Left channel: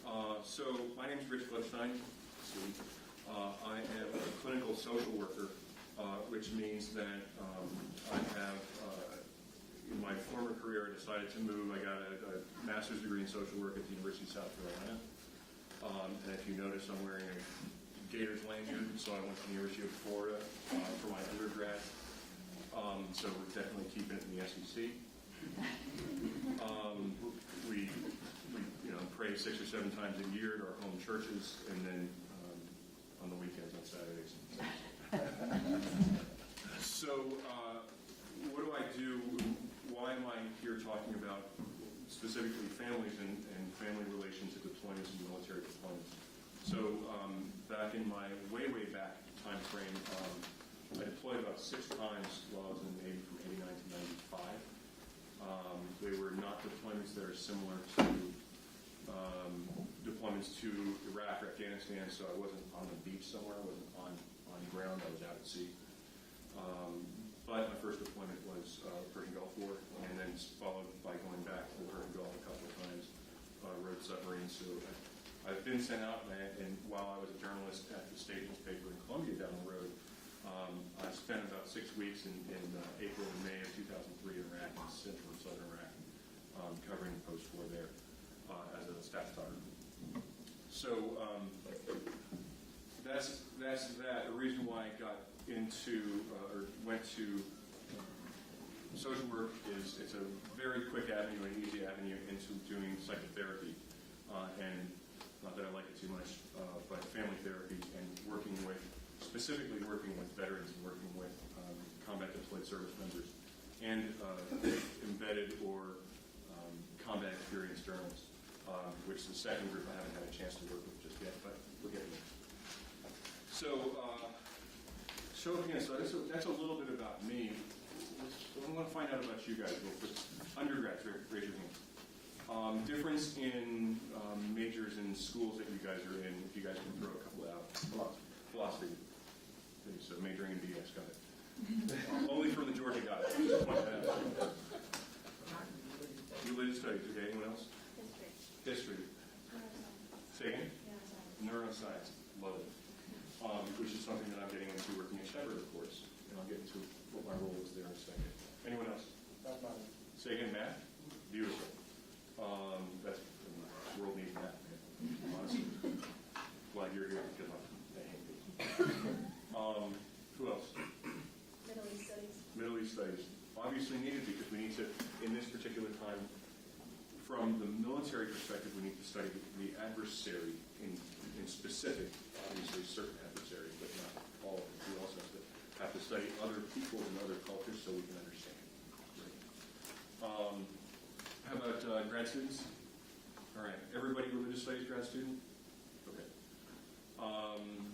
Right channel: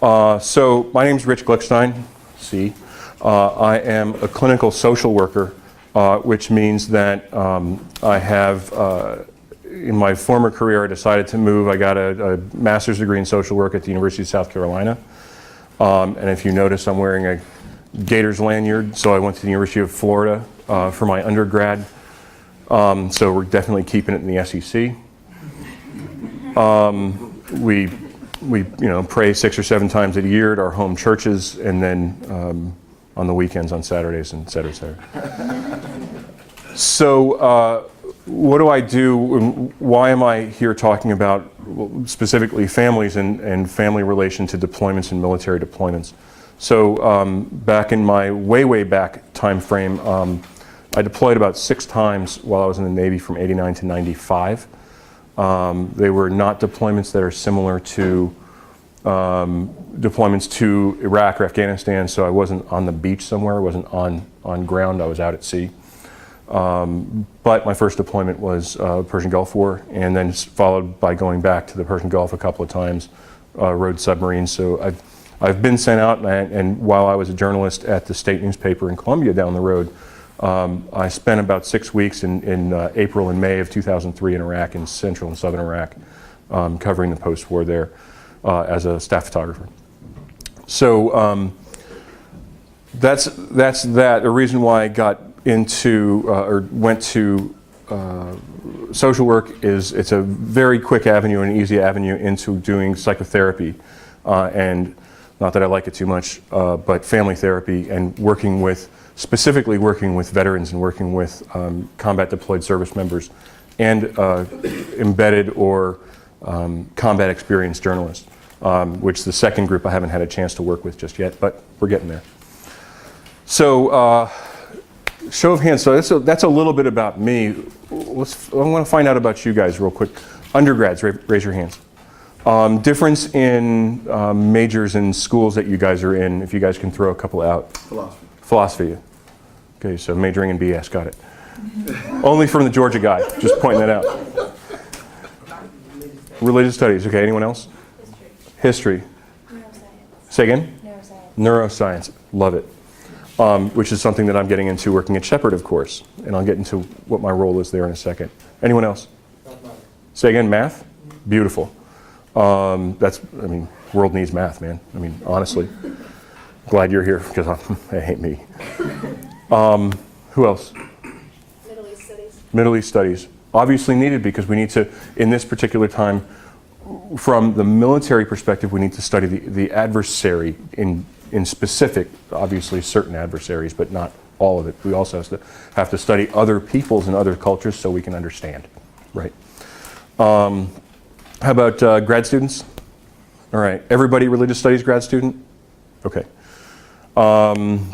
So my name's Rich Glickstein, C. I am a clinical social worker, which means that I have, in my former career, I decided to move. I got a master's degree in social work at the University of South Carolina. And if you notice, I'm wearing a Gators lanyard, so I went to the University of Florida for my undergrad. So we're definitely keeping it in the SEC. We pray 6 or 7 times a year at our home churches, and then on the weekends on Saturdays, and et cetera, et cetera. So what do I do? Why am I here talking about specifically families and family relation to deployments and military deployments? So back in my way back time frame, I deployed about 6 times while I was in the Navy from '89 to '95. They were not deployments that are similar to deployments to Iraq or Afghanistan, so I wasn't on the beach somewhere, I wasn't on ground, I was out at sea. But my first deployment was Persian Gulf War, and then followed by going back to the Persian Gulf a couple of times, rode submarines. So I've been sent out, and while I was a journalist at the state newspaper in Columbia down the road, I spent about 6 weeks in April and May of 2003 in Iraq, in central and southern Iraq, covering the post-war there as a staff photographer. So that's that. The reason why I got into or went to social work is it's a very quick avenue and easy avenue into doing psychotherapy, and not that I like it too much, but family therapy and specifically working with veterans and working with combat deployed service members and embedded or combat experienced journalists, which the second group I haven't had a chance to work with just yet, but we're getting there. So show of hands, so that's a little bit about me. I want to find out about you guys real quick. Undergrads, raise your hands. Difference in majors and schools that you guys are in, if you guys can throw a couple out. Philosophy. Okay, so majoring in BS, got it. Only from the Georgia guy, just pointing that out. Religious studies, okay, anyone else? History. Neuroscience. Say again? Neuroscience, love it. Which is something that I'm getting into working at Shepherd, of course, and I'll get into what my role is there in a second. Anyone else? Say again, math? Beautiful. World needs math, man. Honestly. Glad you're here, because I hate me. Who else? Middle East studies. Middle East studies. Obviously needed, because we need to, in this particular time, from the military perspective, we need to study the adversary in specific, obviously certain adversaries, but not all of it. We also have to study other peoples and other cultures so we can understand, right? How about grad students? All right, everybody religious studies grad student? Okay.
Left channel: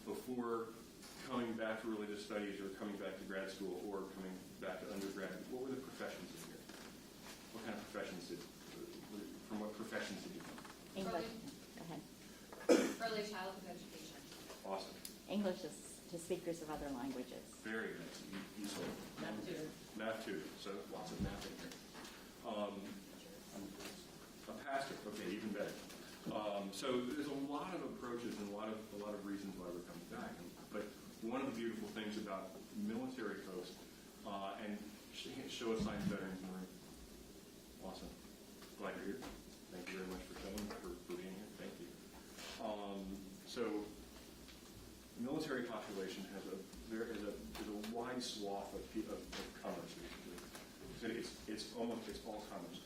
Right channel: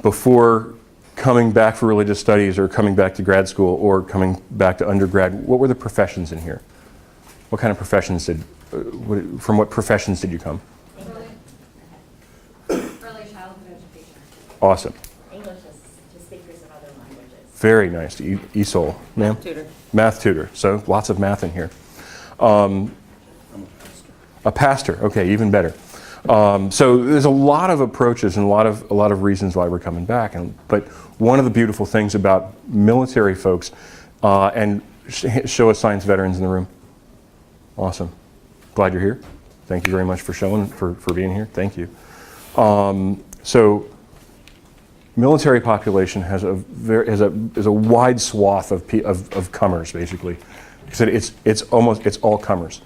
Before coming back for religious studies or coming back to grad school or coming back to undergrad, what were the professions in here? What kind of professions from what professions did you come? Early childhood education. Awesome. English to speakers of other languages. Very nice. ESOL, ma'am? Tutor. Math tutor. So lots of math in here. A pastor. Okay, even better. So there's a lot of approaches and a lot of reasons why we're coming back. But one of the beautiful things about military folks, and show us science veterans in the room. Awesome. Glad you're here. Thank you very much for being here. Thank you. So military population has a wide swath of comers, basically. It's all comers.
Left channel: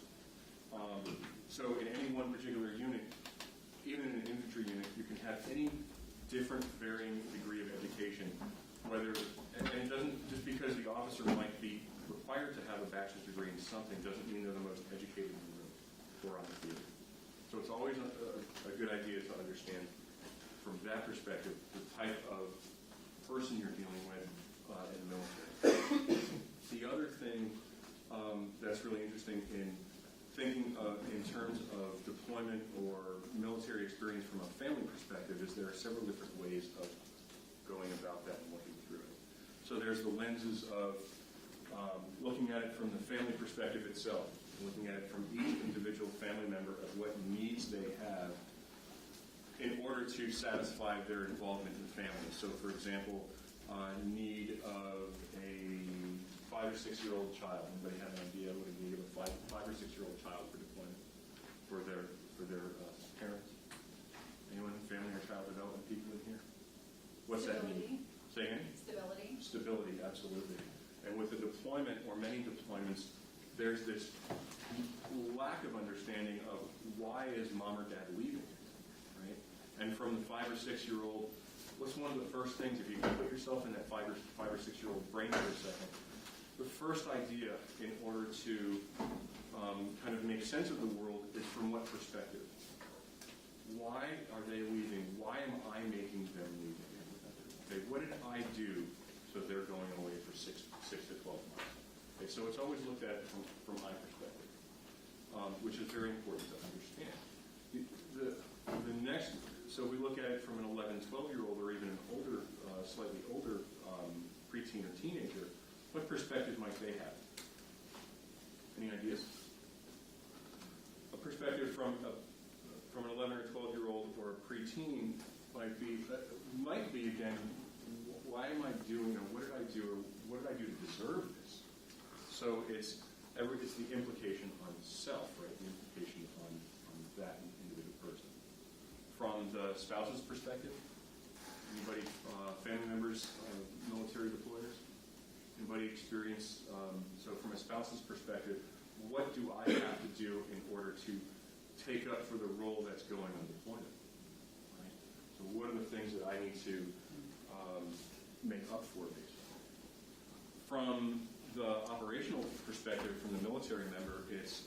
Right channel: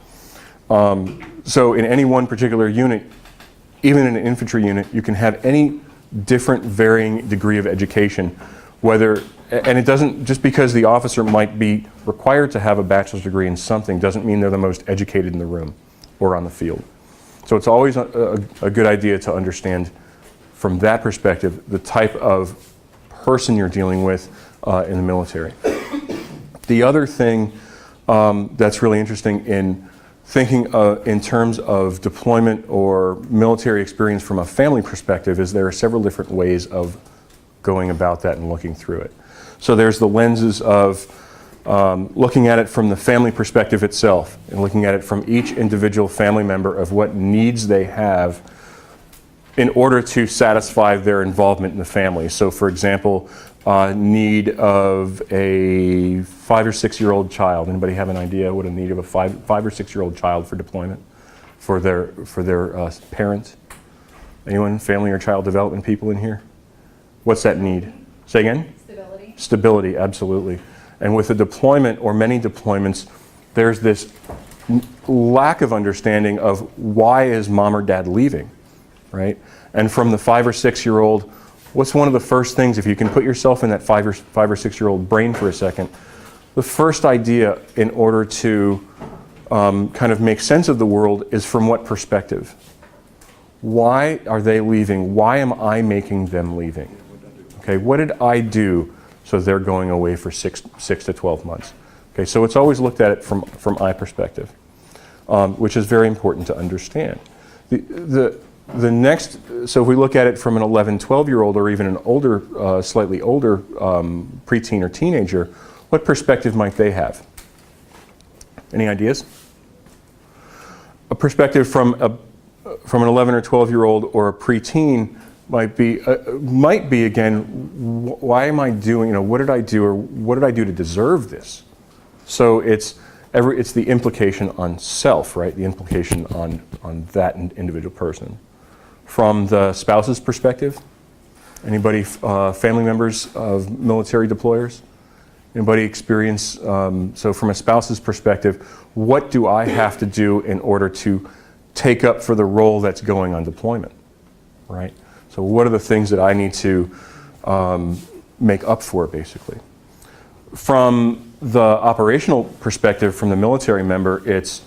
So in any one particular unit, even in an infantry unit, you can have any different varying degree of education, and it doesn't, just because the officer might be required to have a bachelor's degree in something doesn't mean they're the most educated in the room or on the field. So it's always a good idea to understand from that perspective the type of person you're dealing with in the military. The other thing that's really interesting in thinking in terms of deployment or military experience from a family perspective is there are several different ways of going about that and looking through it. So there's the lenses of looking at it from the family perspective itself and looking at it from each individual family member of what needs they have in order to satisfy their involvement in the family. So for example, need of a 5 or 6 year old child. Anybody have an idea what a need of a 5 or 6 year old child for deployment for their parent? Anyone, family or child development people in here? What's that need? Say again? Stability. Stability, absolutely. And with a deployment or many deployments, there's this lack of understanding of why is mom or dad leaving, right? And from the 5 or 6 year old, what's one of the first things, if you can put yourself in that 5 or 6 year old brain for a second, the first idea in order to kind of make sense of the world is from what perspective? Why are they leaving? Why am I making them leaving? Okay, what did I do so they're going away for 6 to 12 months? Okay, so it's always looked at it from I perspective, which is very important to understand. The next, so if we look at it from an 11, 12-year-old or even an older, slightly older preteen or teenager, what perspective might they have? Any ideas? A perspective from an 11 or 12-year-old or a preteen might be again, why am I doing, what did I do or what did I do to deserve this? So it's the implication on self, right? The implication on that individual person. From the spouse's perspective, anybody, family members of military deployers? Anybody experience, so from a spouse's perspective, what do I have to do in order to take up for the role that's going on deployment, right? So what are the things that I need to make up for, basically? From the operational perspective, from the military member, it's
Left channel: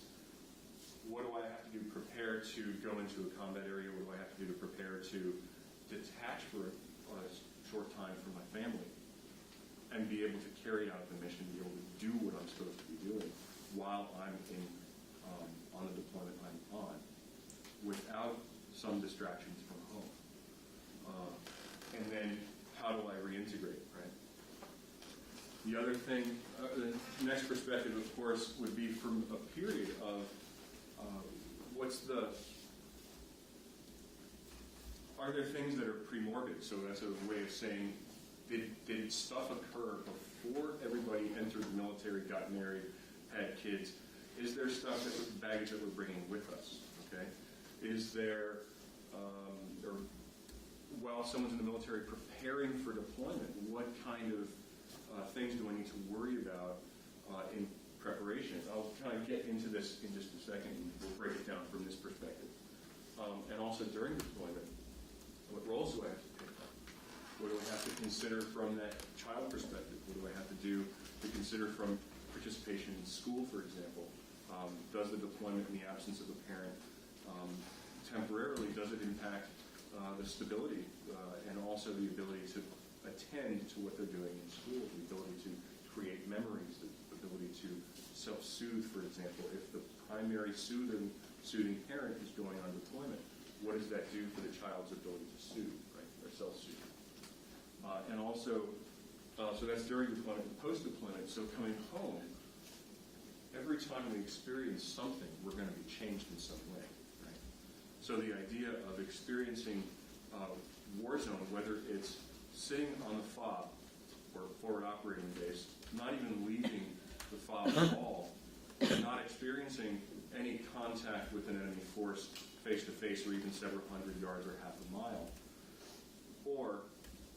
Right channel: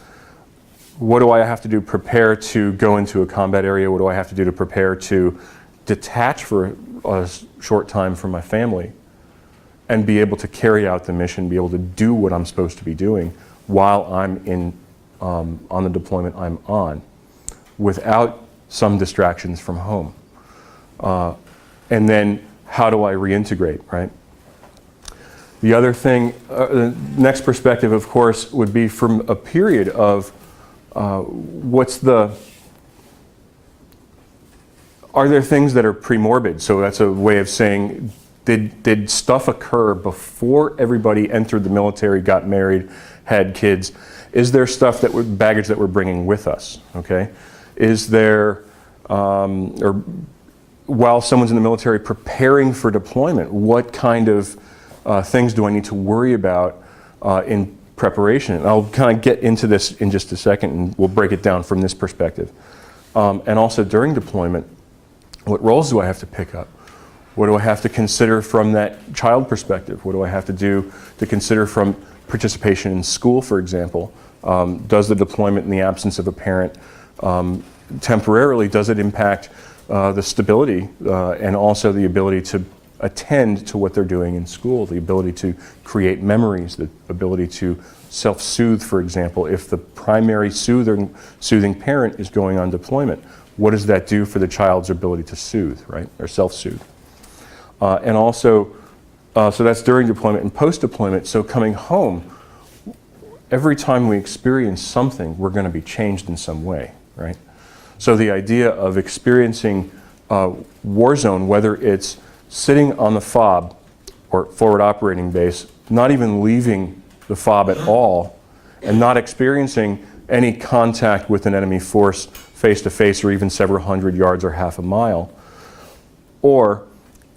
what do I have to do to prepare to go into a combat area? What do I have to do to prepare to detach for a short time from my family and be able to carry out the mission, be able to do what I'm supposed to be doing while I'm on the deployment I'm on, without some distractions from home. And then how do I reintegrate, right? The other thing, the next perspective, of course, would be from a period of are there things that are premorbid? So that's a way of saying, did stuff occur before everybody entered the military, got married, had kids? Is there stuff baggage that we're bringing with us, okay? Is there, or while someone's in the military preparing for deployment, what kind of things do I need to worry about in preparation? And I'll kind of get into this in just a second, and we'll break it down from this perspective. And also during deployment, what roles do I have to pick up? What do I have to consider from that child perspective? What do I have to do to consider from participation in school, for example? Does the deployment in the absence of a parent temporarily, does it impact the stability and also the ability to attend to what they're doing in school, the ability to create memories, the ability to self-soothe, for example? If the primary soothing parent is going on deployment, what does that do for the child's ability to soothe, right, or self-soothe? And also, so that's during deployment and post-deployment. So coming home, every time we experience something, we're going to be changed in some way, right? So the idea of experiencing war zone, whether it's sitting on the FOB or forward operating base, not even leaving the FOB at all, and not experiencing any contact with an enemy force face to face or even several hundred yards or half a mile. Or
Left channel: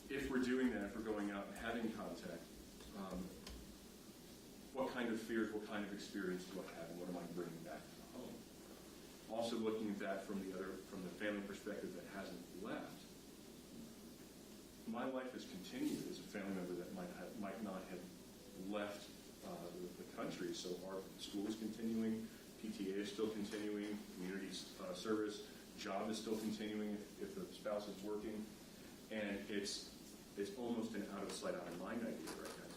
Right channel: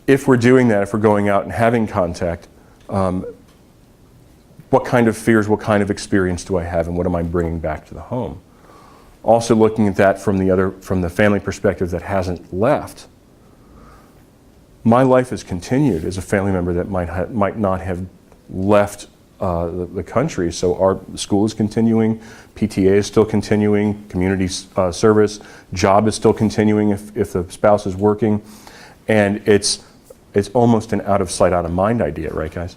if we're doing that, if we're going out and having contact, what kind of fears, what kind of experience do I have, and what am I bringing back to the home? Also looking at that from the family perspective that hasn't left. My life has continued as a family member that might not have left the country. So our school is continuing, PTA is still continuing, community service, job is still continuing if the spouse is working, and it's almost an out of sight, out of mind idea, right, guys?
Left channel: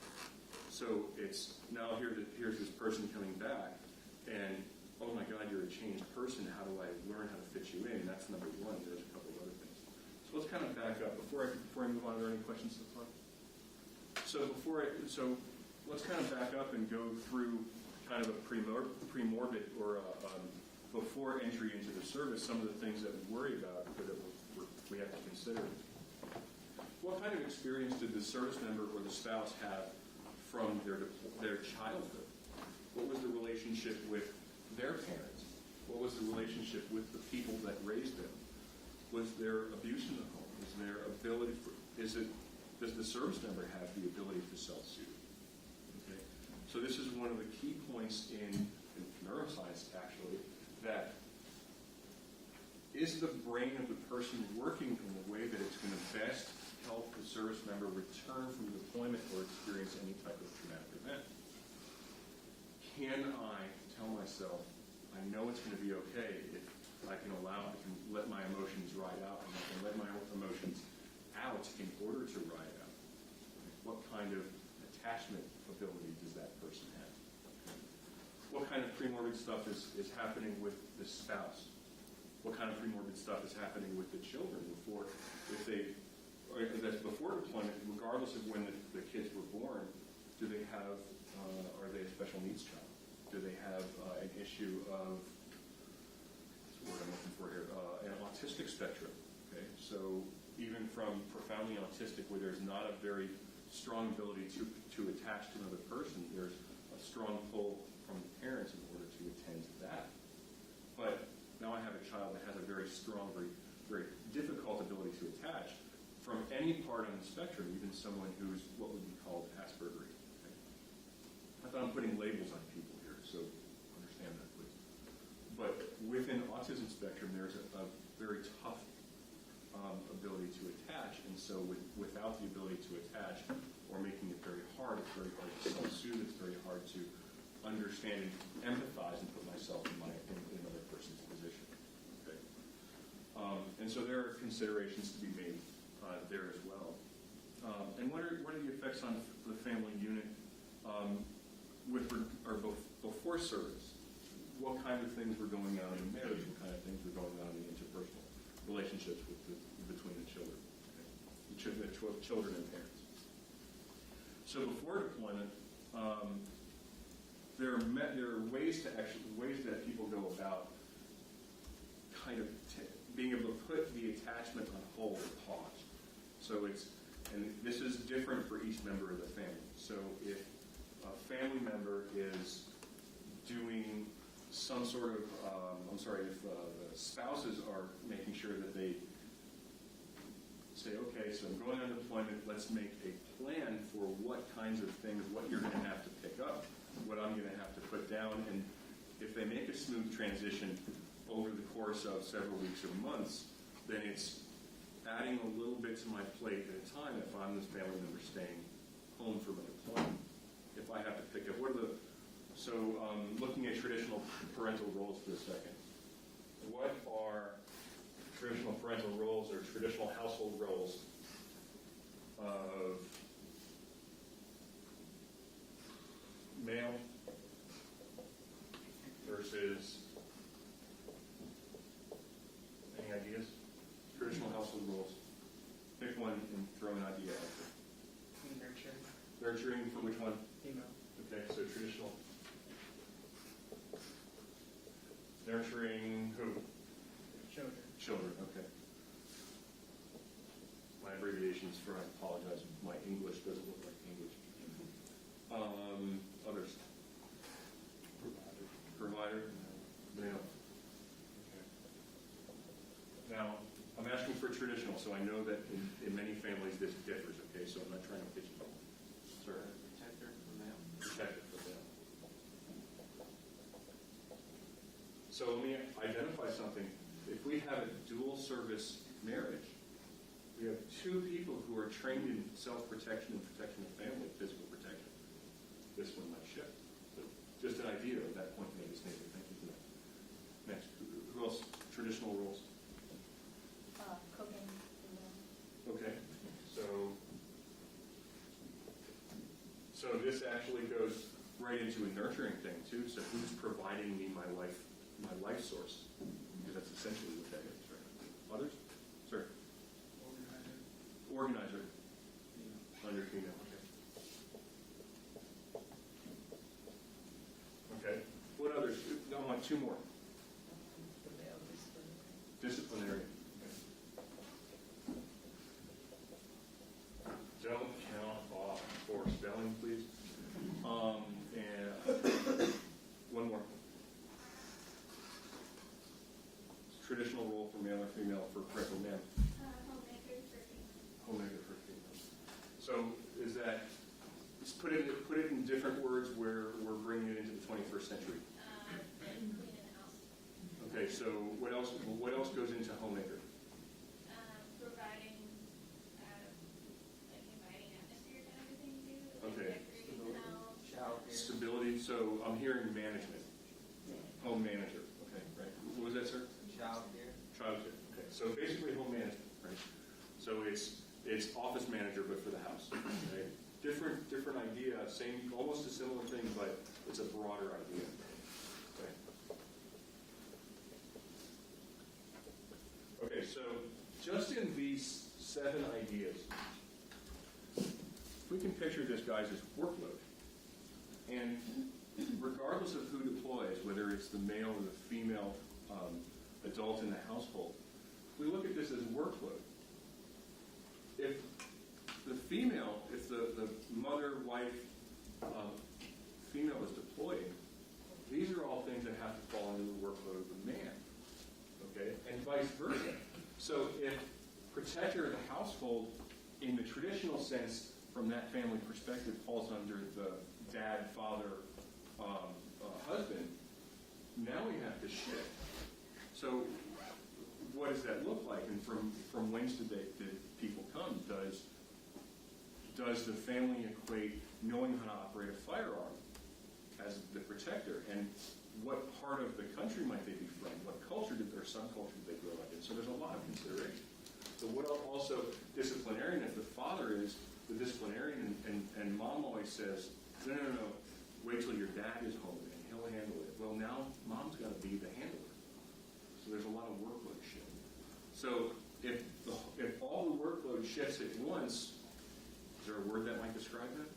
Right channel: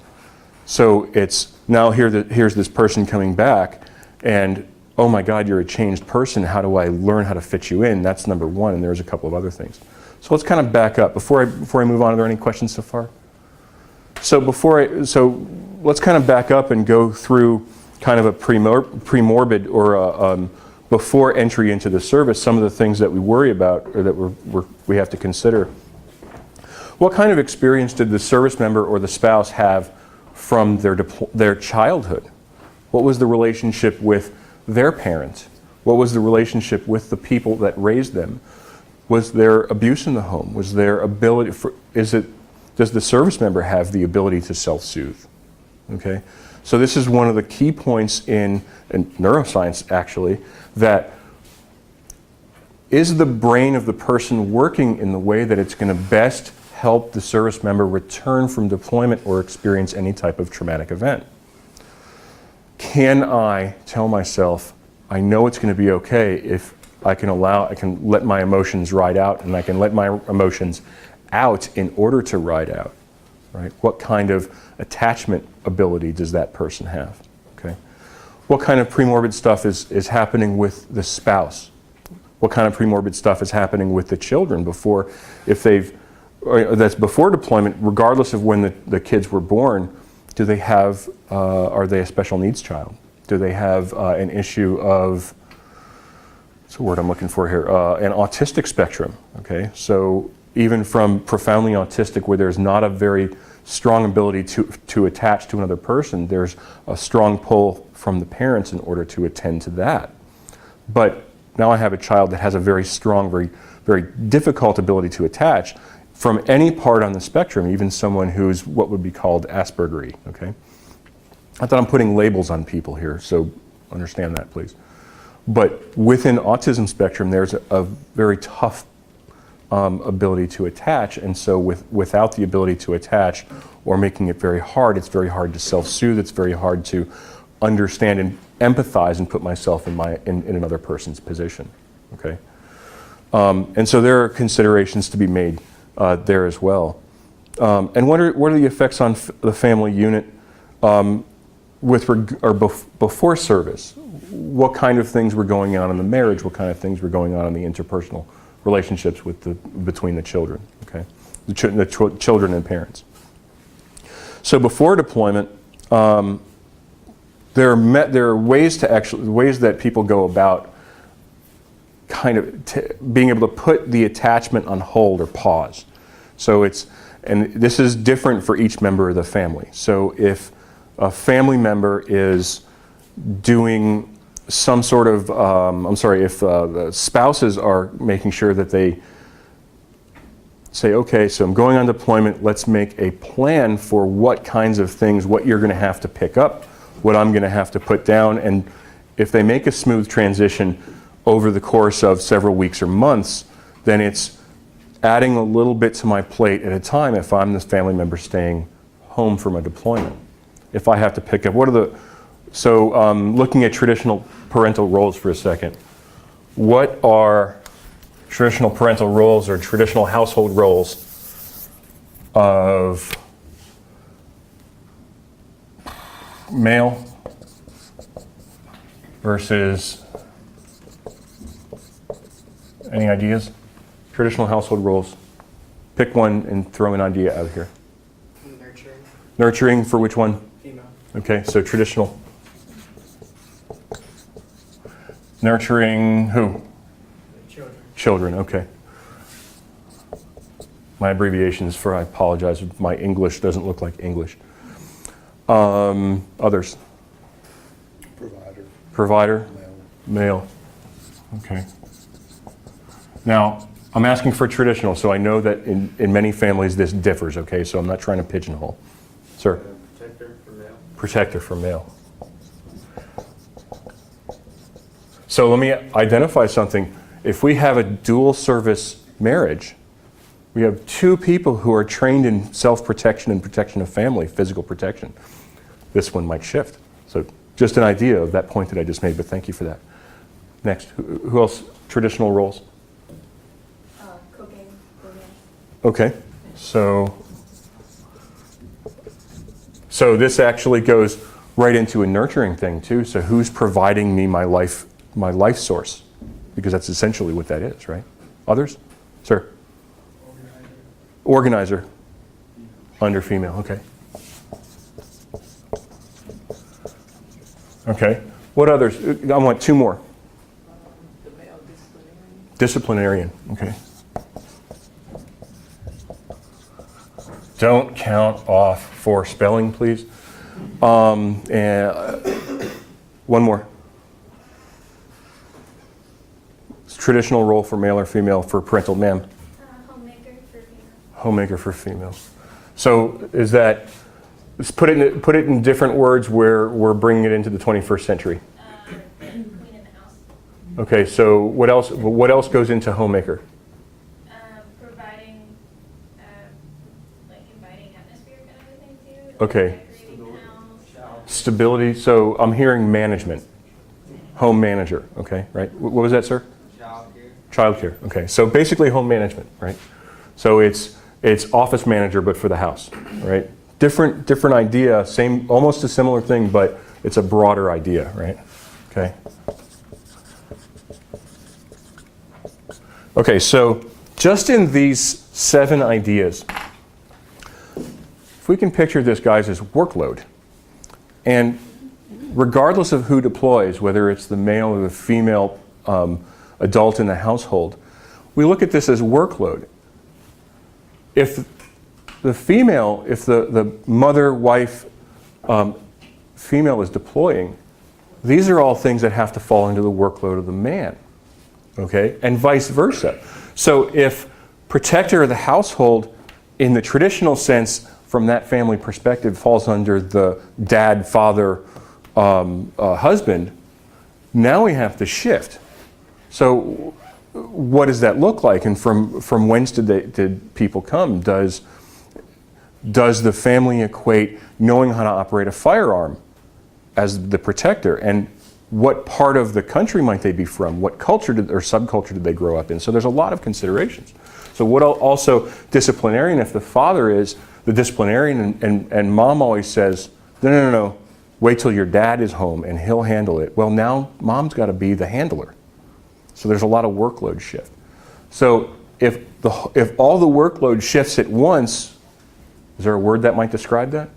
So it's now here's this person coming back, and oh my God, you're a changed person. How do I learn how to fit you in? That's number one, and there's a couple of other things. So let's kind of back up. Before I move on, are there any questions so far? So let's kind of back up and go through kind of a premorbid or before entry into the service, some of the things that we worry about or that we have to consider. What kind of experience did the service member or the spouse have from their childhood? What was the relationship with their parents? What was the relationship with the people that raised them? Was there abuse in the home? Was there ability does the service member have the ability to self-soothe? Okay? So this is one of the key points in neuroscience, actually, that is the brain of the person working in the way that it's going to best help the service member return from deployment or experience any type of traumatic event? Can I tell myself, I know it's going to be okay if I can let my emotions ride out, and I can let my emotions out in order to ride out, right? What kind of attachment ability does that person have, okay? What kind of premorbid stuff is happening with the spouse? What kind of premorbid stuff is happening with the children that's before deployment, regardless of when the kids were born? Do they have, are they a special needs child? Do they have an issue of, what's the word I'm looking for here, an autistic spectrum, okay? So even from profoundly autistic, where there's not a very strong ability to attach to another person, there's a strong pull from the parents in order to attend to that. But now I have a child that has a very strong, very difficult ability to attach from any part on the spectrum, even someone who's what would be called Aspergery, okay? I thought I'm putting labels on people here, so understand that, please. But within autism spectrum, there's a very tough ability to attach, and so without the ability to attach or making it very hard, it's very hard to self-soothe, it's very hard to understand and empathize and put myself in another person's position, okay? And so there are considerations to be made there as well. And what are the effects on the family unit before service? What kind of things were going on in the marriage? What kind of things were going on in the interpersonal relationships between the children? Okay, the children and parents. So before deployment, there are ways that people go about kind of being able to put the attachment on hold or pause. So and this is different for each member of the family. So if a family member is doing some sort of, if the spouses are making sure that they say, okay, so I'm going on deployment, let's make a plan for what kinds of things, what you're going to have to pick up, what I'm going to have to put down, and if they make a smooth transition over the course of several weeks or months, then it's adding a little bit to my plate at a time if I'm this family member staying home from a deployment. If I have to pick up, looking at traditional parental roles for a second, what are traditional parental roles or traditional household roles of male versus, any ideas? Traditional household roles. Pick one and throw an idea out here. Nurturing. Nurturing for which one? Female. Okay, so traditional. Nurturing who? Children. Children, okay. My abbreviations for, I apologize if my English doesn't look like English. Others? Provider. Provider? Male. Male. Okay. Now, I'm asking for traditional, so I know that in many families this differs, okay? So I'm not trying to pigeonhole. Sir? Protector for male. Protector for male. So let me identify something. If we have a dual service marriage, we have two people who are trained in self-protection and protection of family, physical protection. This one might shift. So just an idea of that point that I just made, but thank you for that. Next, who else? Traditional roles? Cooking, cleaning. Okay, so this actually goes right into a nurturing thing too. So who's providing me my life source? Because that's essentially what that is, right? Others? Sir? Organizer. Under female, okay. Okay, what others? I want two more. Disciplinarian, okay. Don't count off for spelling, please. And one more. Traditional role for male or female for parental, ma'am. Homemaker for female. Homemaker for female. So is that, let's put it in different words where we're bringing it into the 21st century. Queen in the house. Okay, so what else goes into homemaker? Providing, like inviting atmosphere kind of a thing too. Okay. Decorating the house. Stability, so I'm hearing management. Home manager, okay, right? What was that, sir? Childcare, okay. So basically home management, right? So it's office manager, but for the house, right? Different idea, same, almost a similar thing, but it's a broader idea, right? Okay. Okay, so just in these 7 ideas, if we can picture this, guys, as workload, and regardless of who deploys, whether it's the male or the female adult in the household, we look at this as workload. If the female, if the mother, wife, female is deploying, these are all things that have to fall into the workload of the man, okay? And vice versa. So if protector of the household, in the traditional sense, from that family perspective, falls under the dad, father, husband, now we have to shift. So what does that look like? And from whence did people come? Does the family equate knowing how to operate a firearm as the protector? And what part of the country might they be from? What culture or subculture did they grow up in? So there's a lot of considerations. So what also disciplinarian, if the father is the disciplinarian and mom always says, no, wait till your dad is home and he'll handle it. Well, now mom's got to be the handler. So there's a lot of workload shift. So if all the workload shifts at once, is there a word that might describe that?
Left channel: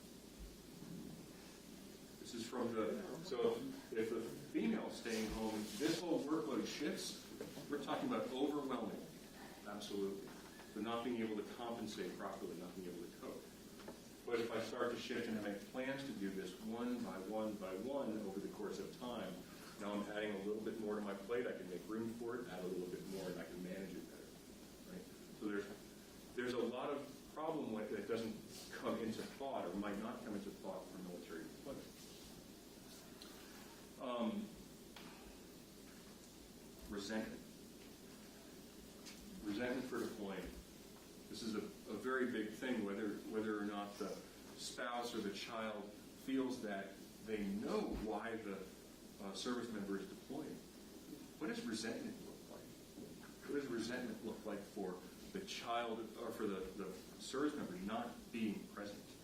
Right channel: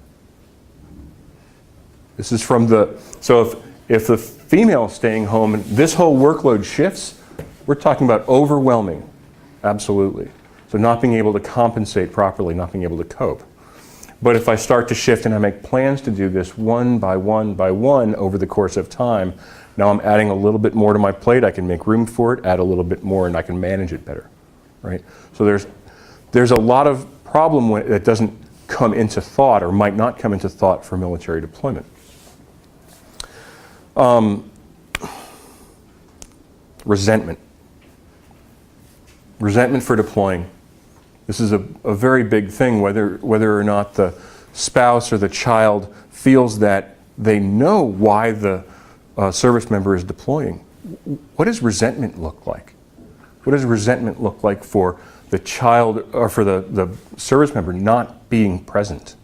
This is from so if the female is staying home and this whole workload shifts, we're talking about overwhelming, absolutely. So not being able to compensate properly, not being able to cope. But if I start to shift and I make plans to do this one by one by one over the course of time, now I'm adding a little bit more to my plate, I can make room for it, add a little bit more, and I can manage it better, right? So there's a lot of problem that doesn't come into thought or might not come into thought for military deployment. Resentment. Resentment for deploying. This is a very big thing, whether or not the spouse or the child feels that they know why the service member is deploying. What does resentment look like? What does resentment look like for the child or for the service member not being present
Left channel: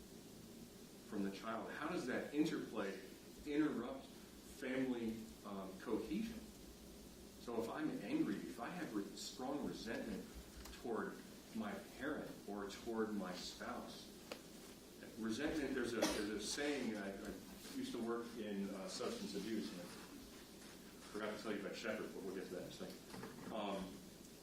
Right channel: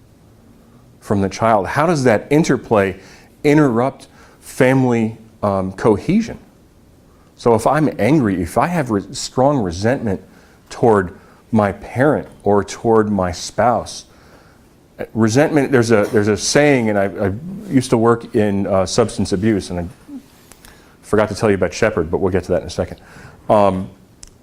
from the child? How does that interplay interrupt family cohesion? So if I'm angry, if I have strong resentment toward my parent or toward my spouse, resentment, there's a saying, and I used to work in substance abuse, and I forgot to tell you about Shepherd, but we'll get to that in a second.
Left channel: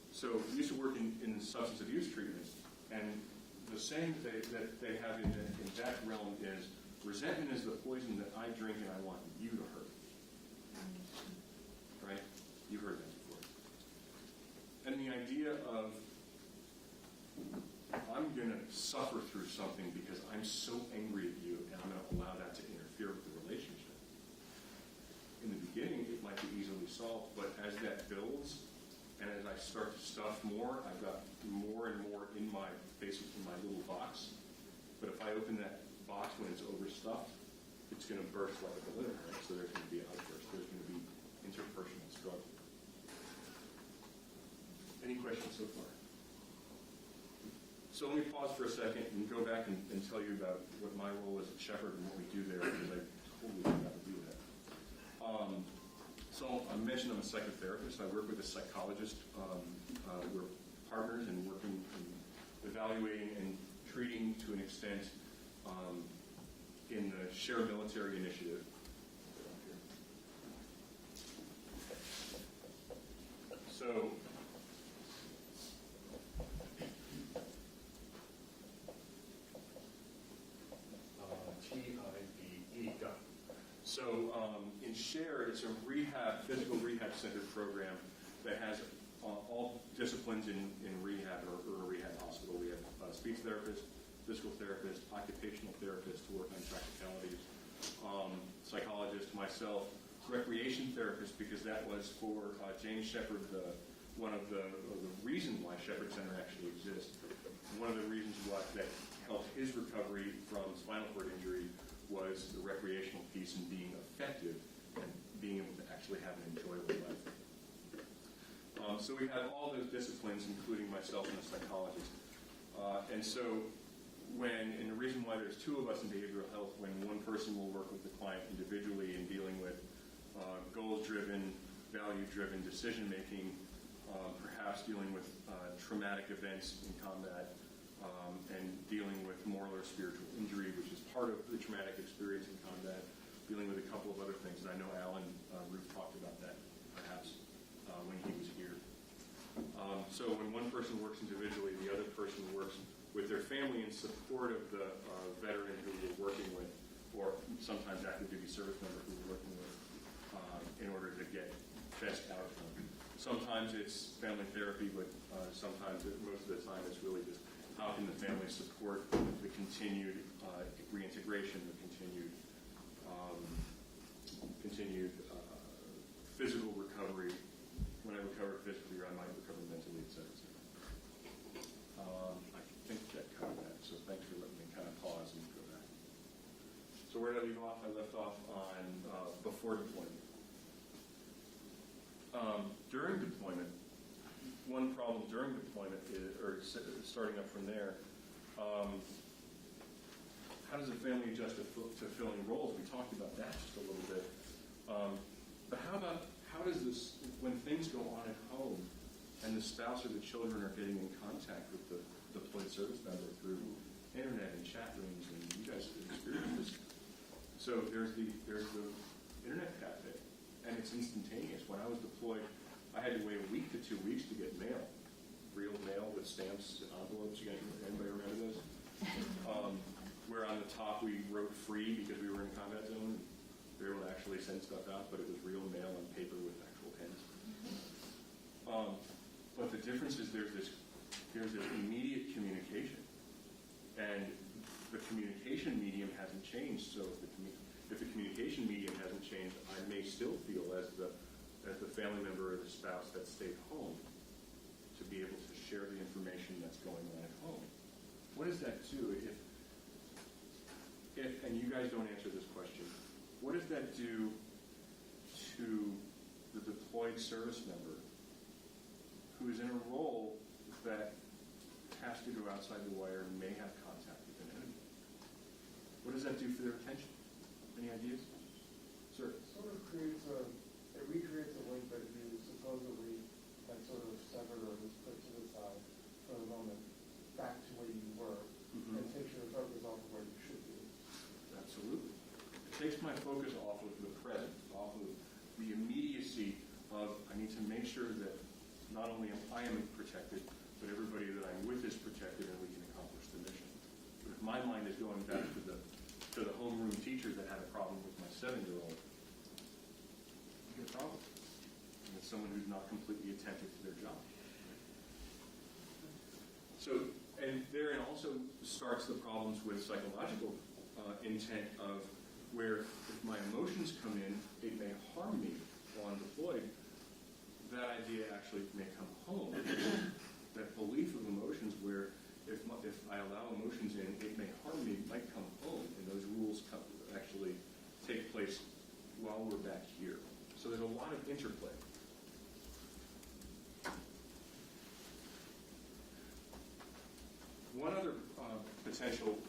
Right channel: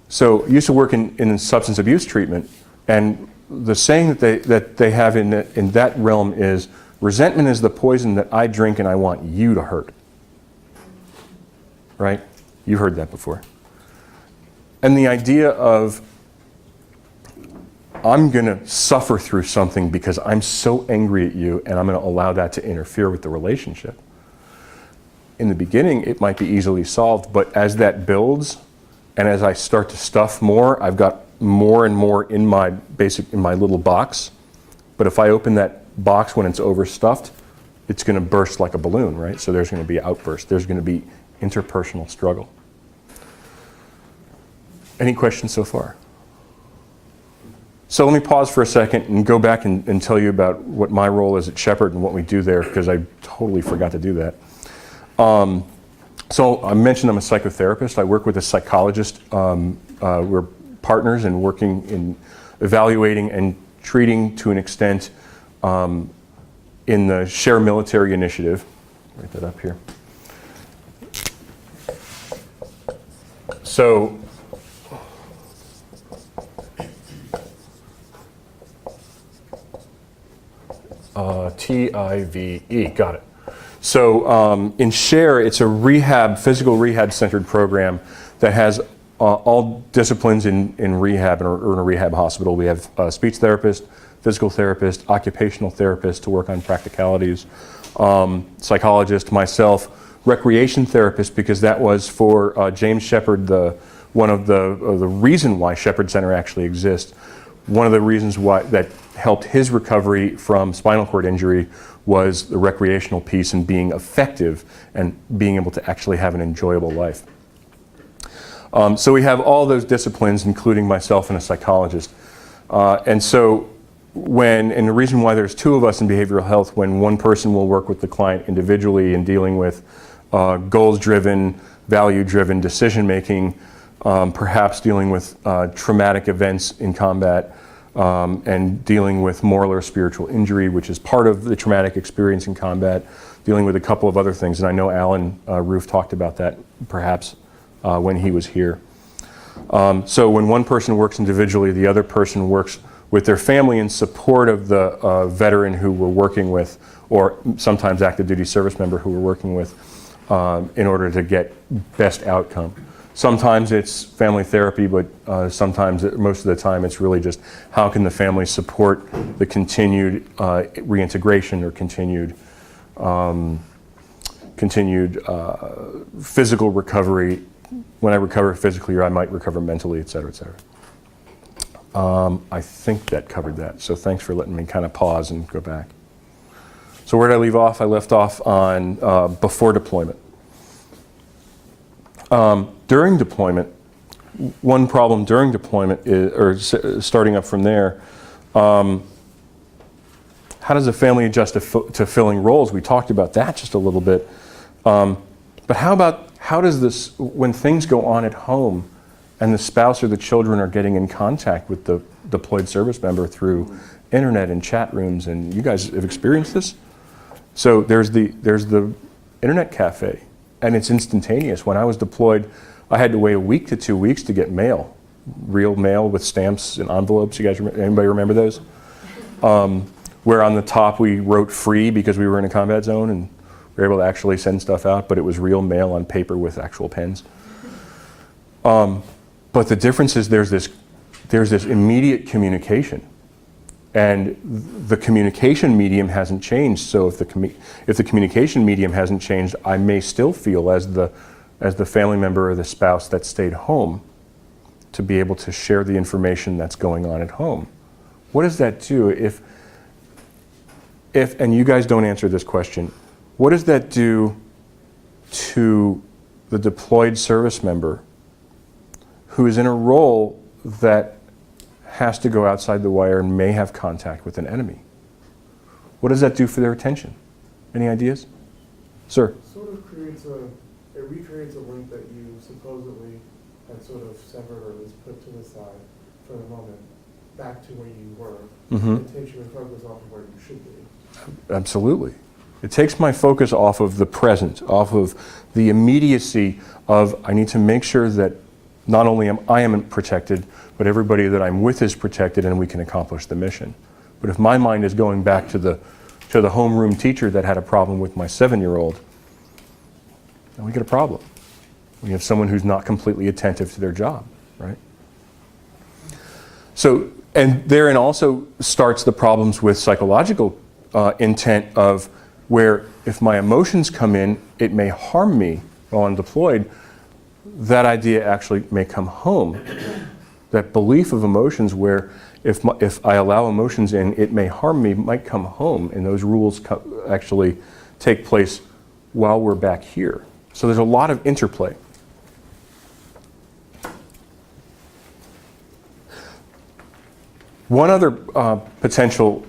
So I used to work in substance abuse treatment, and the saying that they have in that realm is, resentment is the poison that I drink and I want you to hurt. Right? You've heard that before. And the idea of, I'm going to suffer through something because I'm so angry at you and I'm going to allow that to interfere with the relationship. In the beginning, it might be easily solved, but as that builds and as I start to stuff more, I've got more and more in my little box. But if I open that box when it's overstuffed, it's going to burst like a balloon, right? So there's going to be outburst. There's going to be interpersonal struggle. Any questions so far? So let me pause for a second and go back and tell you about what my role is at Shepherd and what we do there, because I totally forgot to do that. So I mentioned I'm a psychotherapist. I work with a psychologist. We're partners in working in evaluating and treating to an extent in the Share Military Initiative. Write that up here. So TIVE, got it. So in SHARE, it's a rehab, physical rehab-centered program that has all disciplines in rehab or in a rehab hospital. We have a speech therapist, physical therapist, occupational therapist to work on practicalities, psychologist, myself, recreation therapist, because that was for James Shepard, one of the reason why Shepard Center actually exists. One of the reasons why that helped his recovery from spinal cord injury was the recreational piece and being effective and being able to actually have an enjoyable life. So we have all those disciplines, including myself and a psychologist. And so and the reason why there's two of us in behavioral health, when one person will work with the client individually in dealing with goals-driven, value-driven decision-making, perhaps dealing with traumatic events in combat, and dealing with moral or spiritual injury, which is part of the traumatic experience in combat, dealing with a couple of other things. And I know Alan Roof talked about that perhaps when he was here. So when one person works individually, the other person works with their family in support of the veteran who we're working with, or sometimes active duty service member who we're working with, in order to get best outcome. Sometimes it's family therapy, but sometimes, most of the time, it's really just how can the family support the continued reintegration or continued physical recovery. When I recover physically, or I might recover mentally, et cetera, et cetera. I think that covered that, so thanks for letting me kind of pause and go back. So where did I leave off? I left off on before deployment. During deployment, one problem during deployment is, or starting up from there, how does a family adjust to filling roles? We talked about that just a little bit. But how does this, when things go on at home and the spouse or the children are getting in contact with the deployed service member through internet and chat rooms, and you guys have experienced this? So there's the internet cafe, and it's instantaneous. When I was deployed, I had to wait a week to 2 weeks to get mail, real mail with stamps and envelopes. You guys, anybody remember those? Where on the top we wrote free because we were in a combat zone, and we were able to actually send stuff out, but it was real mail on paper with actual pens. But the difference is there's this immediate communication, and the communication medium hasn't changed. So if the communication medium hasn't changed, I may still feel as the family member or the spouse that stayed home to be able to share the information that's going on at home. What does that do if and you guys don't answer this question, what does that do to the deployed service member who is in a role that has to go outside the wire and may have contact with an enemy? What does that do for their attention? Any ideas? Sir? Sort of recreates a link that you supposedly had sort of severed or at least put to the side for the moment, back to where you were. Mm-hmm. It takes your focus off of where you should be. Absolutely. It takes my focus off of the present, off of the immediacy of I need to make sure that not only am I protected, but everybody that I'm with is protected, and we can accomplish the mission. But if my mind is going back to the homeroom teacher that had a problem with my 7-year-old, then we get a problem. We have someone who's not completely attentive to their job, right? So, and therein also starts the problems with psychological intent of where if my emotions come in, it may harm me while I'm deployed. That idea actually may come home. That belief of emotions where if I allow emotions in, it may harm me, might come home, and those rules actually take place while we're back here. So there's a lot of interplay. One other potential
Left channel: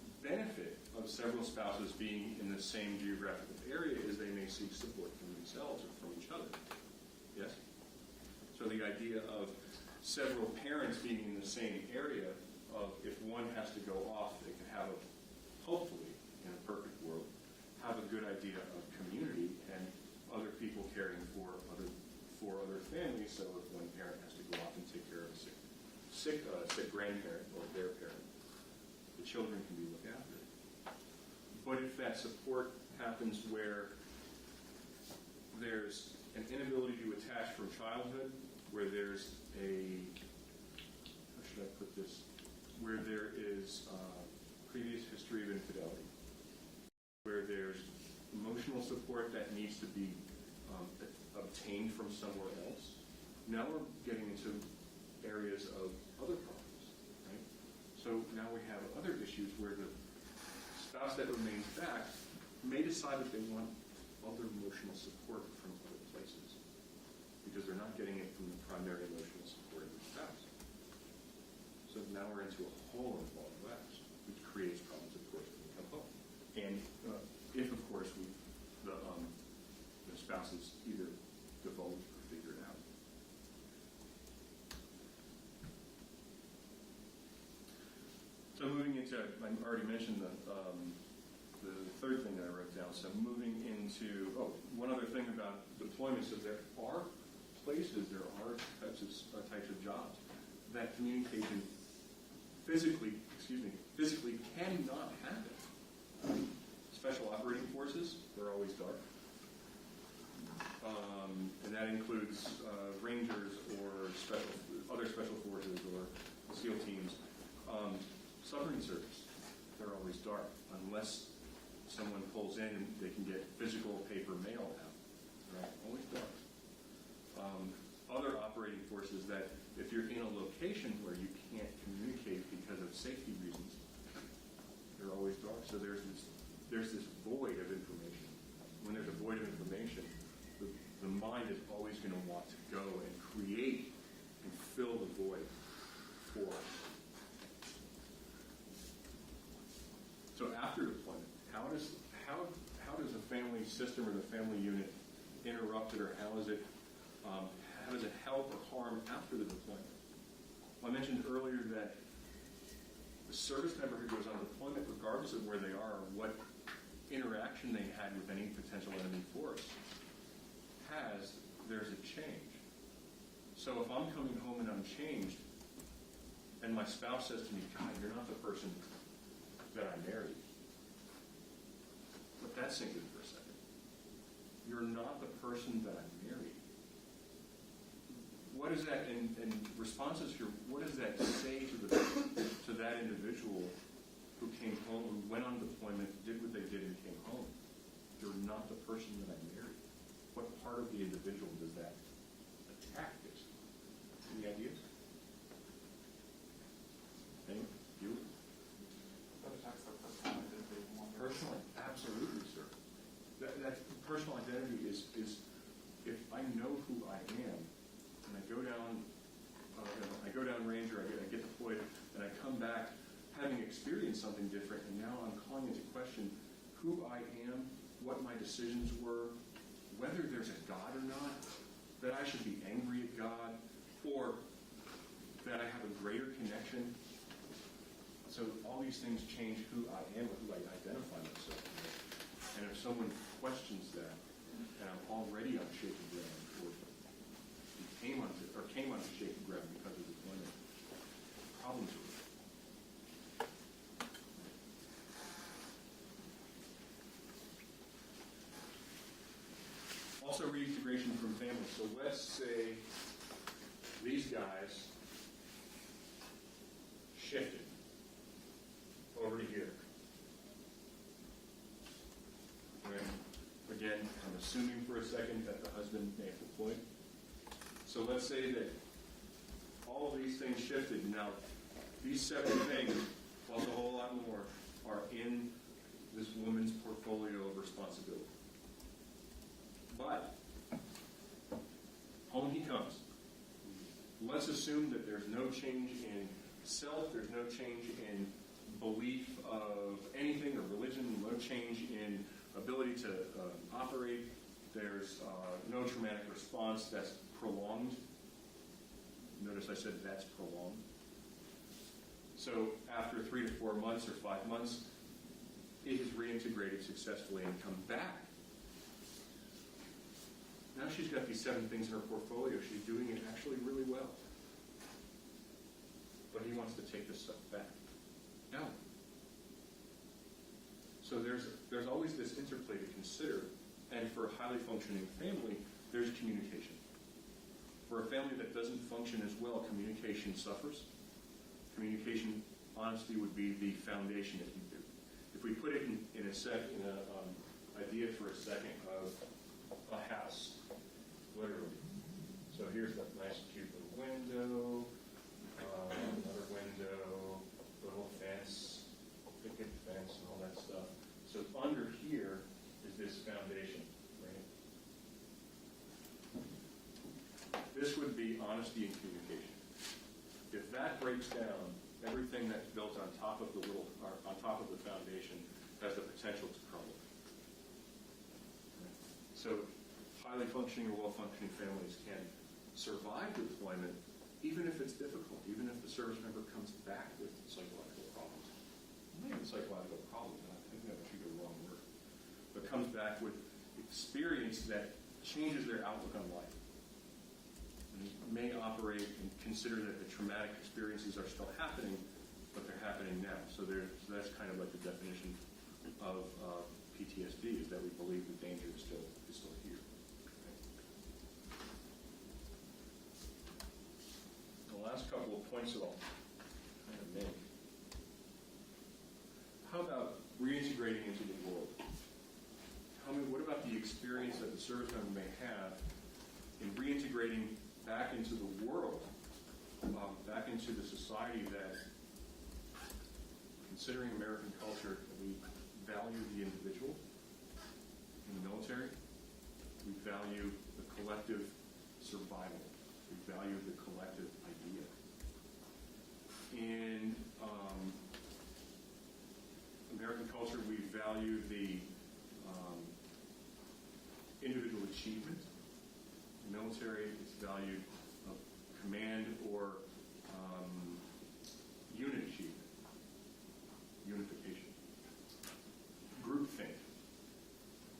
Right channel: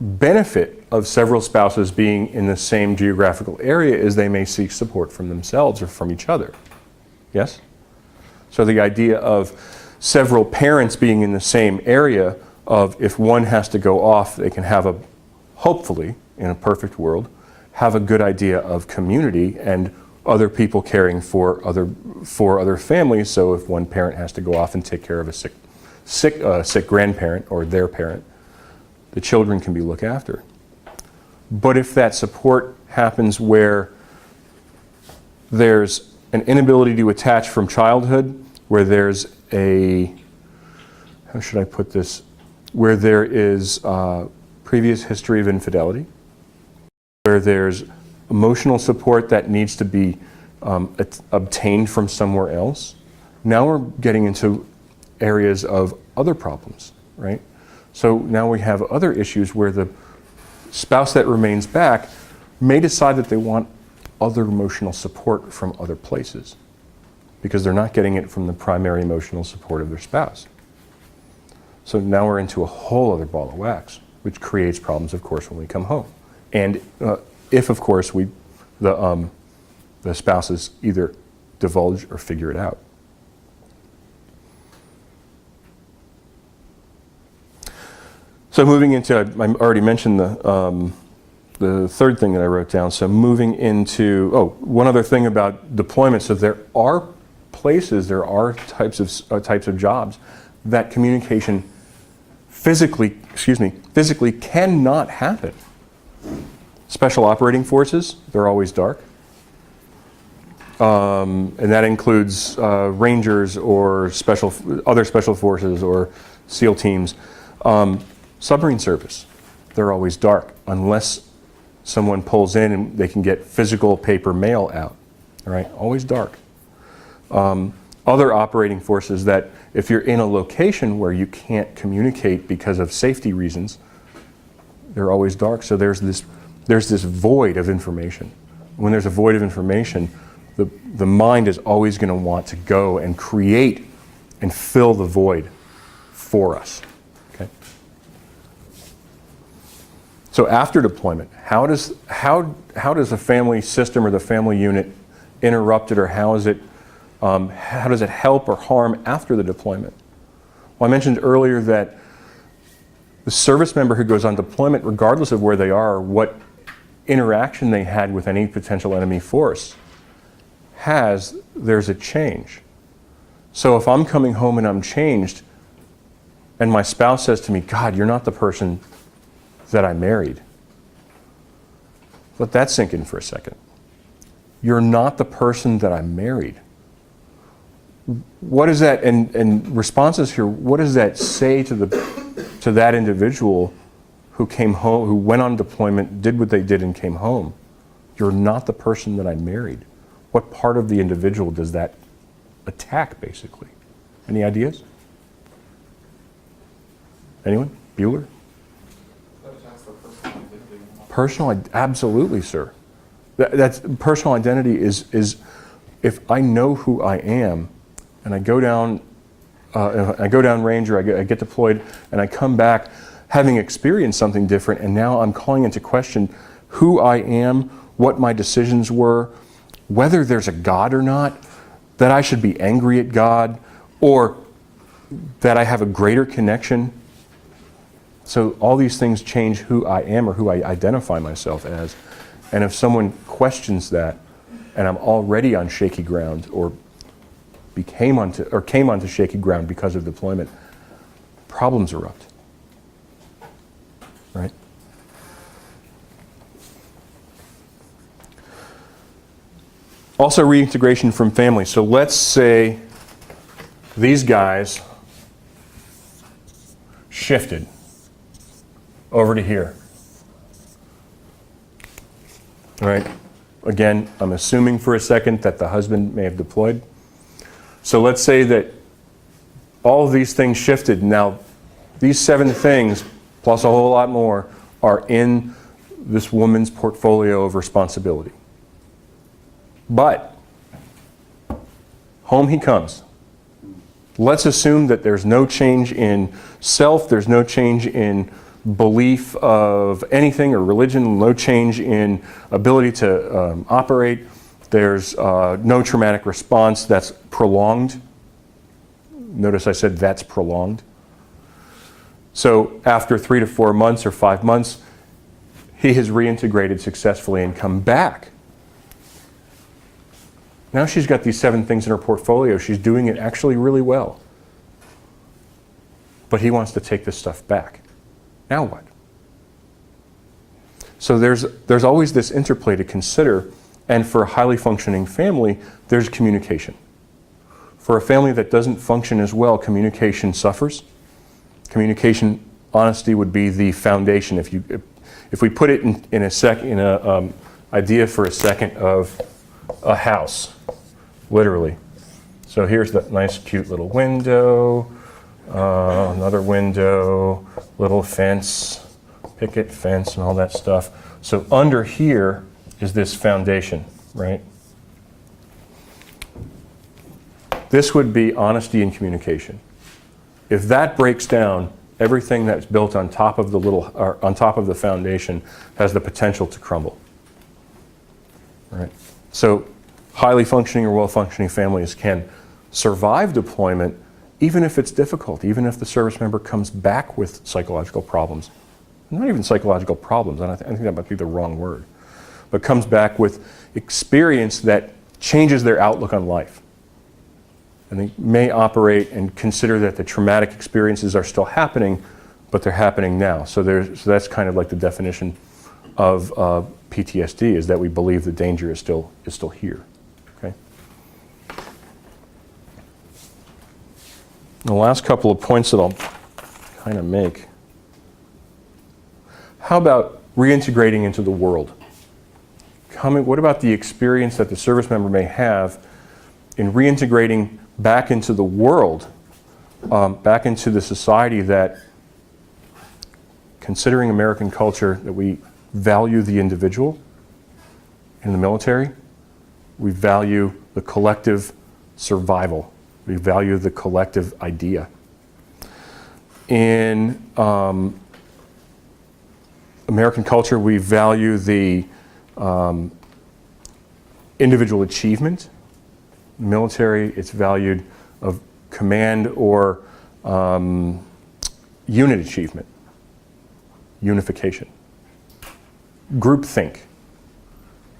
benefit of several spouses being in the same geographical area is they may seek support from themselves or from each other. Yes? So the idea of several parents being in the same area of if one has to go off, they can have hopefully, in a perfect world, have a good idea of community and other people caring for other families. So if one parent has to go off and take care of a sick grandparent or their parent, the children can be looked after. But if that support happens where there's an inability to attach from childhood, where there's a, how should I put this, where there is previous history of infidelity, where there's emotional support that needs to be obtained from somewhere else, now we're getting into areas of other problems, right? So now we have other issues where the spouse that remains back may decide that they want other emotional support from other places because they're not getting it from the primary emotional support of their spouse. So now we're into a whole other ball of wax, which creates problems, of course, when we come home. And if, of course, the spouses either divulge or figure it out. So moving into, I already mentioned the third thing that I wrote down. So moving into, one other thing about deployment. So there are places, there are types of jobs that communication physically cannot happen. Special operating forces, they're always dark. And that includes Rangers or other special forces or SEAL teams. Submarine service, they're always dark unless someone pulls in and they can get physical paper mail out, all right? Always dark. Other operating forces that if you're in a location where you can't communicate because of safety reasons, they're always dark. So there's this void of information. When there's a void of information, the mind is always going to want to go and create and fill the void for us. Okay? So after deployment, how does a family system or the family unit interrupt it, or how does it help or harm after the deployment? Well, I mentioned earlier that the service member who goes on deployment, regardless of where they are or what interaction they had with any potential enemy force, there's a change. So if I'm coming home and I'm changed, and my spouse says to me, "God, you're not the person that I married." Let that sink in for a second. You're not the person that I married. What is that, and responses here, what does that say to that individual who came home, who went on deployment, did what they did and came home? You're not the person that I married. What part of the individual does that attack, basically? Any ideas? Anyone? Bueller? Absolutely, sir. That's personal identity is if I know who I am, and I go down range, or I get deployed, and I come back having experienced something different, and now I'm calling into question who I am, what my decisions were, whether there's a God or not, that I should be angry at God, or that I have a greater connection. So all these things change who I am or who I identify myself as. And if someone questions that, and I'm already on shaky ground, or came onto shaky ground because of deployment, problems erupt. Right? Also, reintegration from family. So let's say these guys shifted over to here. All right. Again, I'm assuming for a second that the husband may have deployed. So let's say that all of these things shifted. Now, these 7 things, plus a whole lot more, are in this woman's portfolio of responsibility. But home he comes. Let's assume that there's no change in self, there's no change in belief of anything or religion, no change in ability to operate. There's no traumatic response that's prolonged. Notice I said that's prolonged. So after 3 to 4 months or 5 months, he has reintegrated successfully and come back. Now she's got these 7 things in her portfolio. She's doing it actually really well. But he wants to take this stuff back. Now what? So there's always this interplay to consider, and for a highly functioning family, there's communication. For a family that doesn't function as well, communication suffers. Communication, honesty would be the foundation. If we put it in a idea for a second of a house, literally. So here's that nice, cute little window, another window, little fence, picket fence, and all that stuff. So under here is this foundation, right? This would be honesty and communication. If that breaks down, everything that's built on top of the foundation has the potential to crumble. Right? So highly functioning or well-functioning families can survive deployment even if it's difficult, even if the service member comes back with psychological problems. Not even psychological problems, I think that might be the wrong word, but comes back with experience that changes their outlook on life. And they may operate and consider that the traumatic experiences are still happening, but they're happening now. So that's kind of like the definition of PTSD, is that we believe the danger is still here. Okay. The last couple of points that I'll kind of make. How about reintegrating into the world? What about the experience that the service member may have in reintegrating back into the world, back into the society that, considering American culture, that we value the individual in the military, we value the collective survival, we value the collective idea. In American culture, we value the individual achievement. In the military, it's valued of command or unit achievement, unification. Groupthink,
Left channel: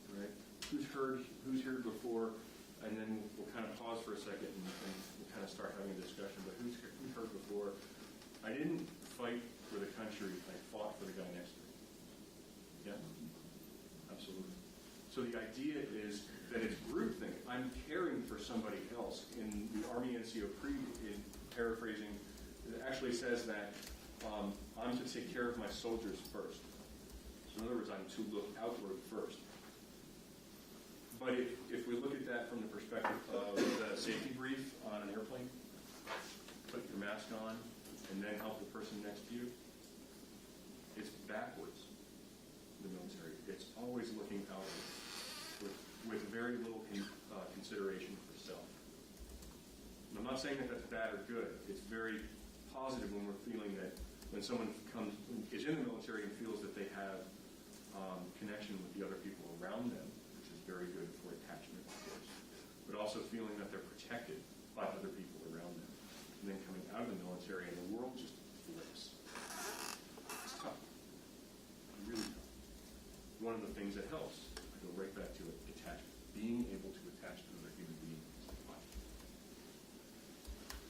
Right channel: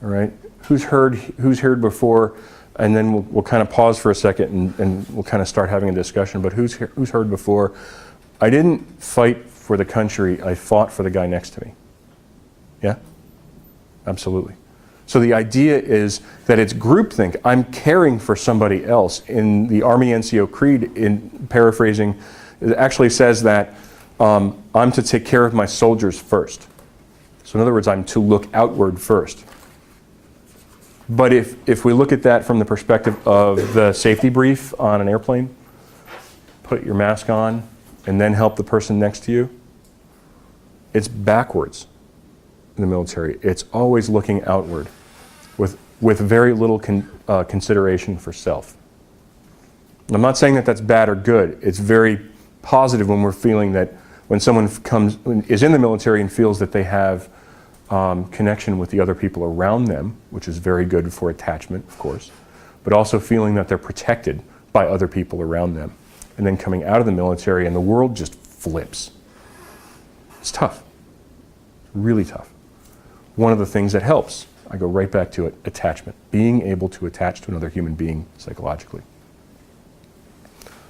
all right? Who's heard before, and then we'll kind of pause for a second and we'll kind of start having a discussion, but who's heard before, I didn't fight for the country, I fought for the guy next to me. Yeah? Absolutely. So the idea is that it's groupthink. I'm caring for somebody else. In the Army NCO Creed, in paraphrasing, it actually says that I'm to take care of my soldiers first. So in other words, I'm to look outward first. But if we look at that from the perspective of the safety brief on an airplane, put your mask on and then help the person next to you, it's backwards in the military. It's always looking outward with very little consideration for self. And I'm not saying that that's bad or good. It's very positive when we're feeling that when someone is in the military and feels that they have connection with the other people around them, which is very good for attachment, of course, but also feeling that they're protected by other people around them. And then coming out of the military and the world just flips. It's tough, really tough. One of the things that helps, I go right back to it, attachment. Being able to attach to another human being psychologically.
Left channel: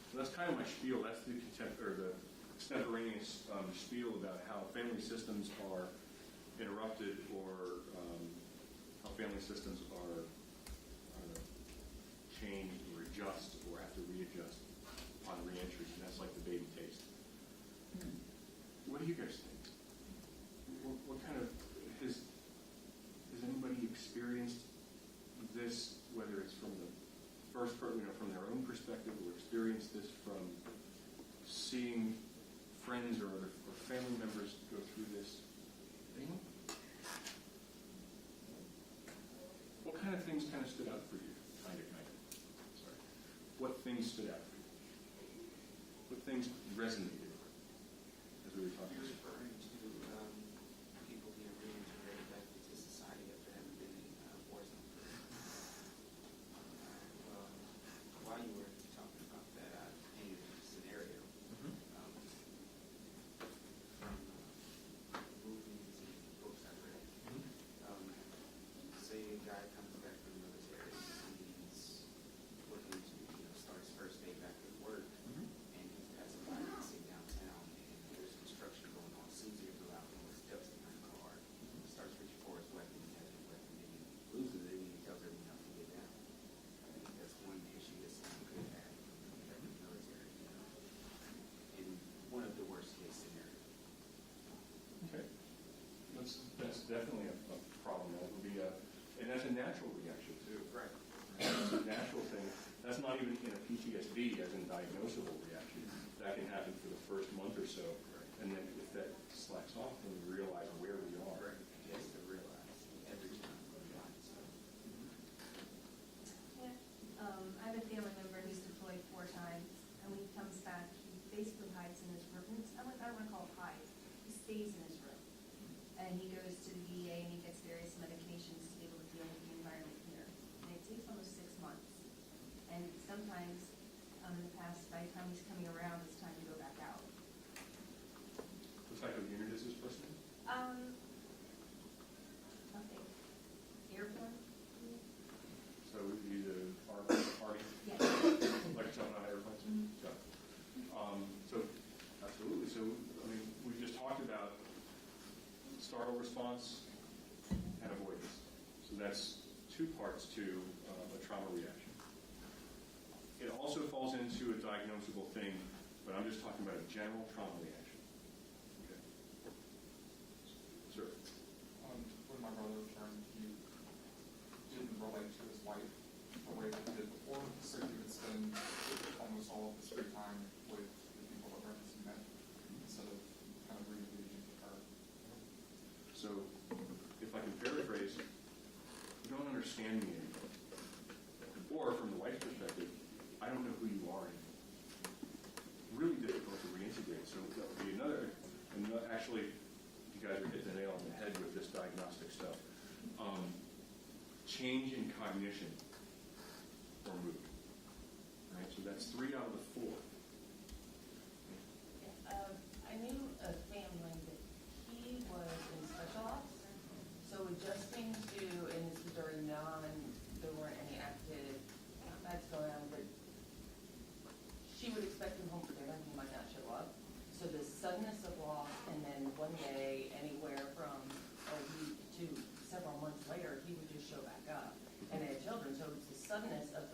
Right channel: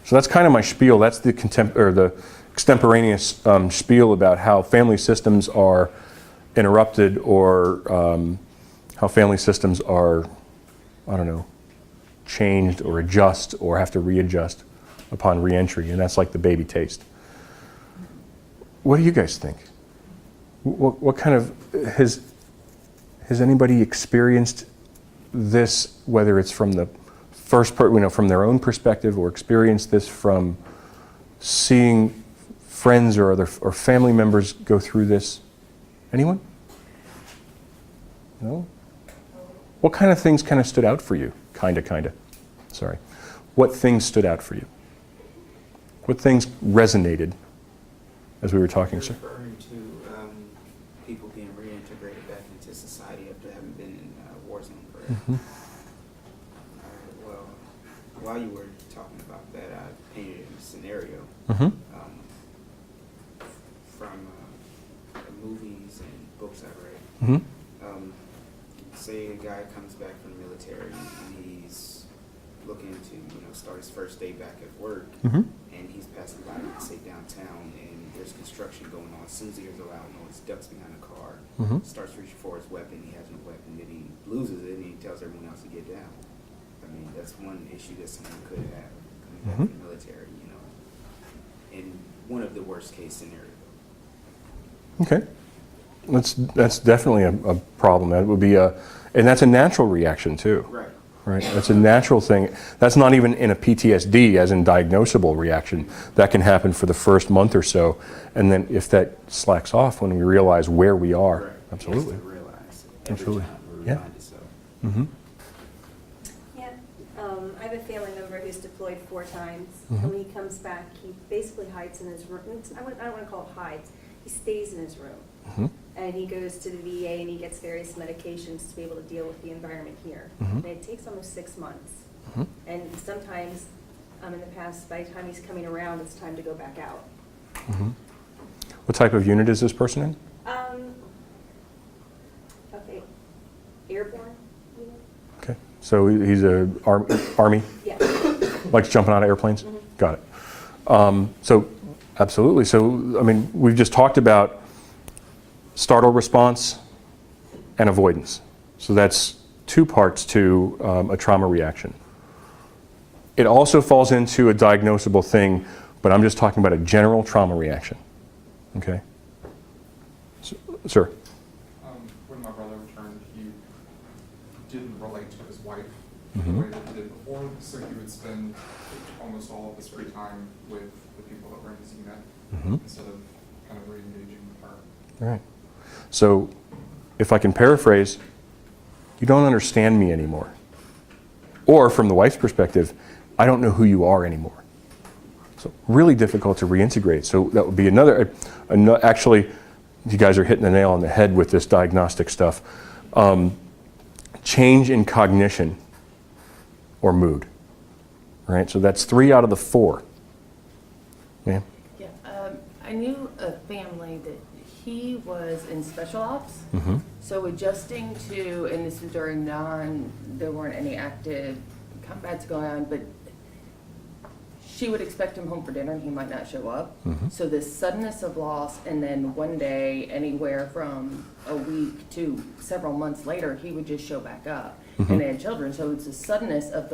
So that's kind of my spiel. That's the extemporaneous spiel about how family systems are interrupted, or how family systems are, I don't know, changed or adjust or have to readjust upon reentry, and that's like the baby taste. What do you guys think? What kind of, has anybody experienced this, whether it's from the first part, from their own perspective, or experienced this from seeing friends or family members go through this? Anyone? No? What kind of things kind of stood out for you? Kinda. Sorry. What things stood out for you? What things resonated as we were talking, sir? Referring to people being reintegrated back into society after having been in a war zone forever. Mm-hmm. Well, while you were talking about that, I painted a scenario Mm-hmm. from the movies and books I read. Mm-hmm. Say a guy comes back from the military and he's looking to start his first day back at work. Mm-hmm. And he's passing by, say, downtown, and there's there's construction going on, as soon as he hears a loud noise, ducks behind a car, Mhm. starts reaching for his weapon, he has no weapon, then he loses it and he tells everyone else to get down. I mean, that's one issue that someone could have coming back Mhm. from the military, you know, in one of the worst case scenarios. Okay. That's definitely a problem. That would be and that's a natural reaction too. Right. Right, that's a natural thing. That's not even in a PTSD, as in diagnosable reaction. That can happen for the first month or so, and then if that slacks off when we realize where we are, Right. absolutely. He has to realize every Absolutely. time we're Yeah. reminded so. Mm-hmm. Yeah, I have a family member who's deployed 4 times, Mhm. and when he comes back, he basically hides in his room. I don't want to call it hides, he stays in his room. Mm-hmm. And he goes to the VA and he gets various medications to be able to deal with the environment here. Mhm. And it takes almost 6 months. Mhm. And sometimes, in the past, by the time he's coming around, it's time to go back out. Mm-hmm. What type of unit is this person in? Okay, airborne? Okay, so he's a Army, Yeah. likes jumping out of airplanes? Mhm. Got it. So, absolutely. So, I mean, we've just talked about startle response and avoidance. So that's 2 parts to a trauma reaction. It also falls into a diagnosable thing, but I'm just talking about a general trauma reaction. Okay? Sir? When my brother returned, he didn't relate to his wife Mhm. the way that he did before, so he would spend almost all of his free time with the people that were in his unit Mm-hmm. instead of kind of re-engaging with her. All right. So, if I can paraphrase, you don't understand me anymore. Or from the wife's perspective, I don't know who you are anymore. So, really difficult to reintegrate. So, that would be actually, you guys are hitting the nail on the head with this diagnostic stuff. Change in cognition or mood. All right, so that's 3 out of the 4. Yeah. Yeah, I knew a family that he was in special ops, Mm-hmm. so adjusting to, and this was during there weren't any active combats going on, but she would expect him home for dinner and he might not show up. Mhm. So this suddenness of loss, and then one day, anywhere from a week to several months later, he would just show back up. Mhm. And they had children, so it's the suddenness of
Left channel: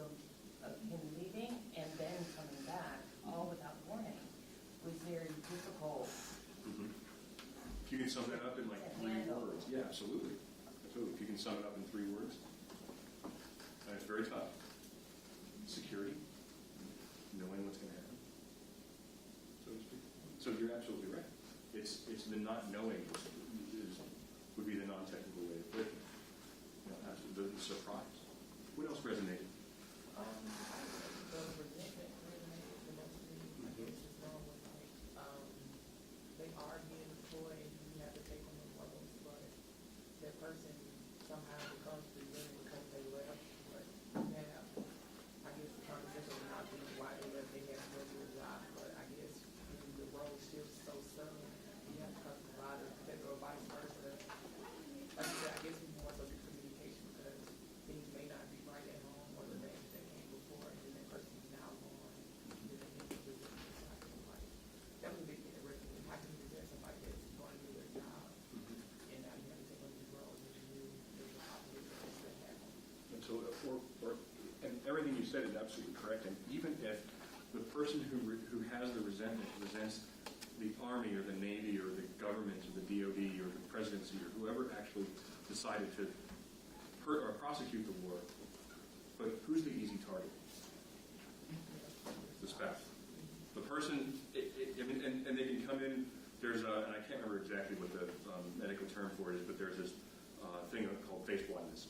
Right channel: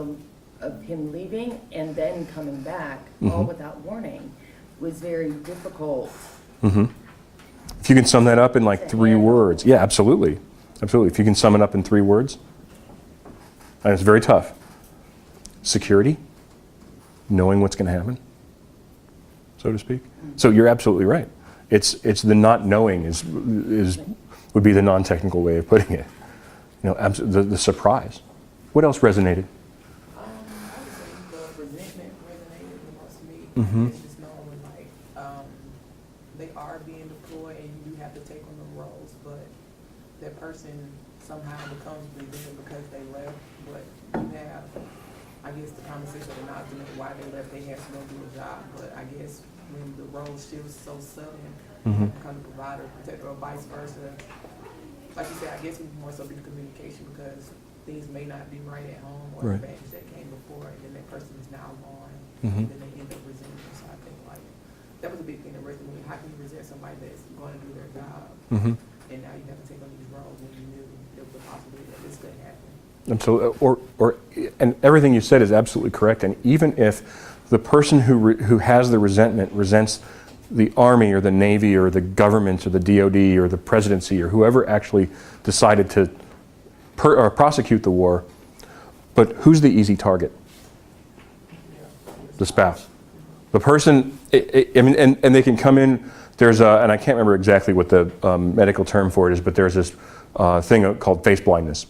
him leaving and then coming back, all Mhm. without warning, was very difficult. Mm-hmm. If you can sum that up in like 3 words. Yeah, absolutely. Absolutely. If you can sum it up in 3 words. And it's very tough. Security, knowing what's going to happen, so to speak. So you're absolutely right. It's the not knowing would be the non-technical way of putting it. You know, the surprise. What else resonated? I would say the resentment resonated the most to me. Mhm. It's just knowing like, they are being deployed and you do have to take on the roles, but that person somehow becomes resentment because they left. But you have, I guess, the conversation of acknowledgement why they left, they have to go do a job. But I guess when the role shifts so sudden, Mhm. kind of provider, protector, or vice versa, like you said, I guess it would more so be communication because things may not be right at home or Right. the baggage that came before, and then that person is now gone, Mhm. and then they end up resenting. So I think like that was a big thing that resonated. How can you resent somebody that's going to do their job, Mm-hmm. and now you have to take on these roles when you knew there was a possibility that this couldn't happen? Absolutely. And everything you said is absolutely correct. And even if the person who has the resentment resents the Army or the Navy or the government or the DOD or the presidency or whoever actually decided to prosecute the war, but who's the easy target? The spouse. The person, I mean, and they can come in, and I can't remember exactly what the medical term for it is, but there's this thing called face blindness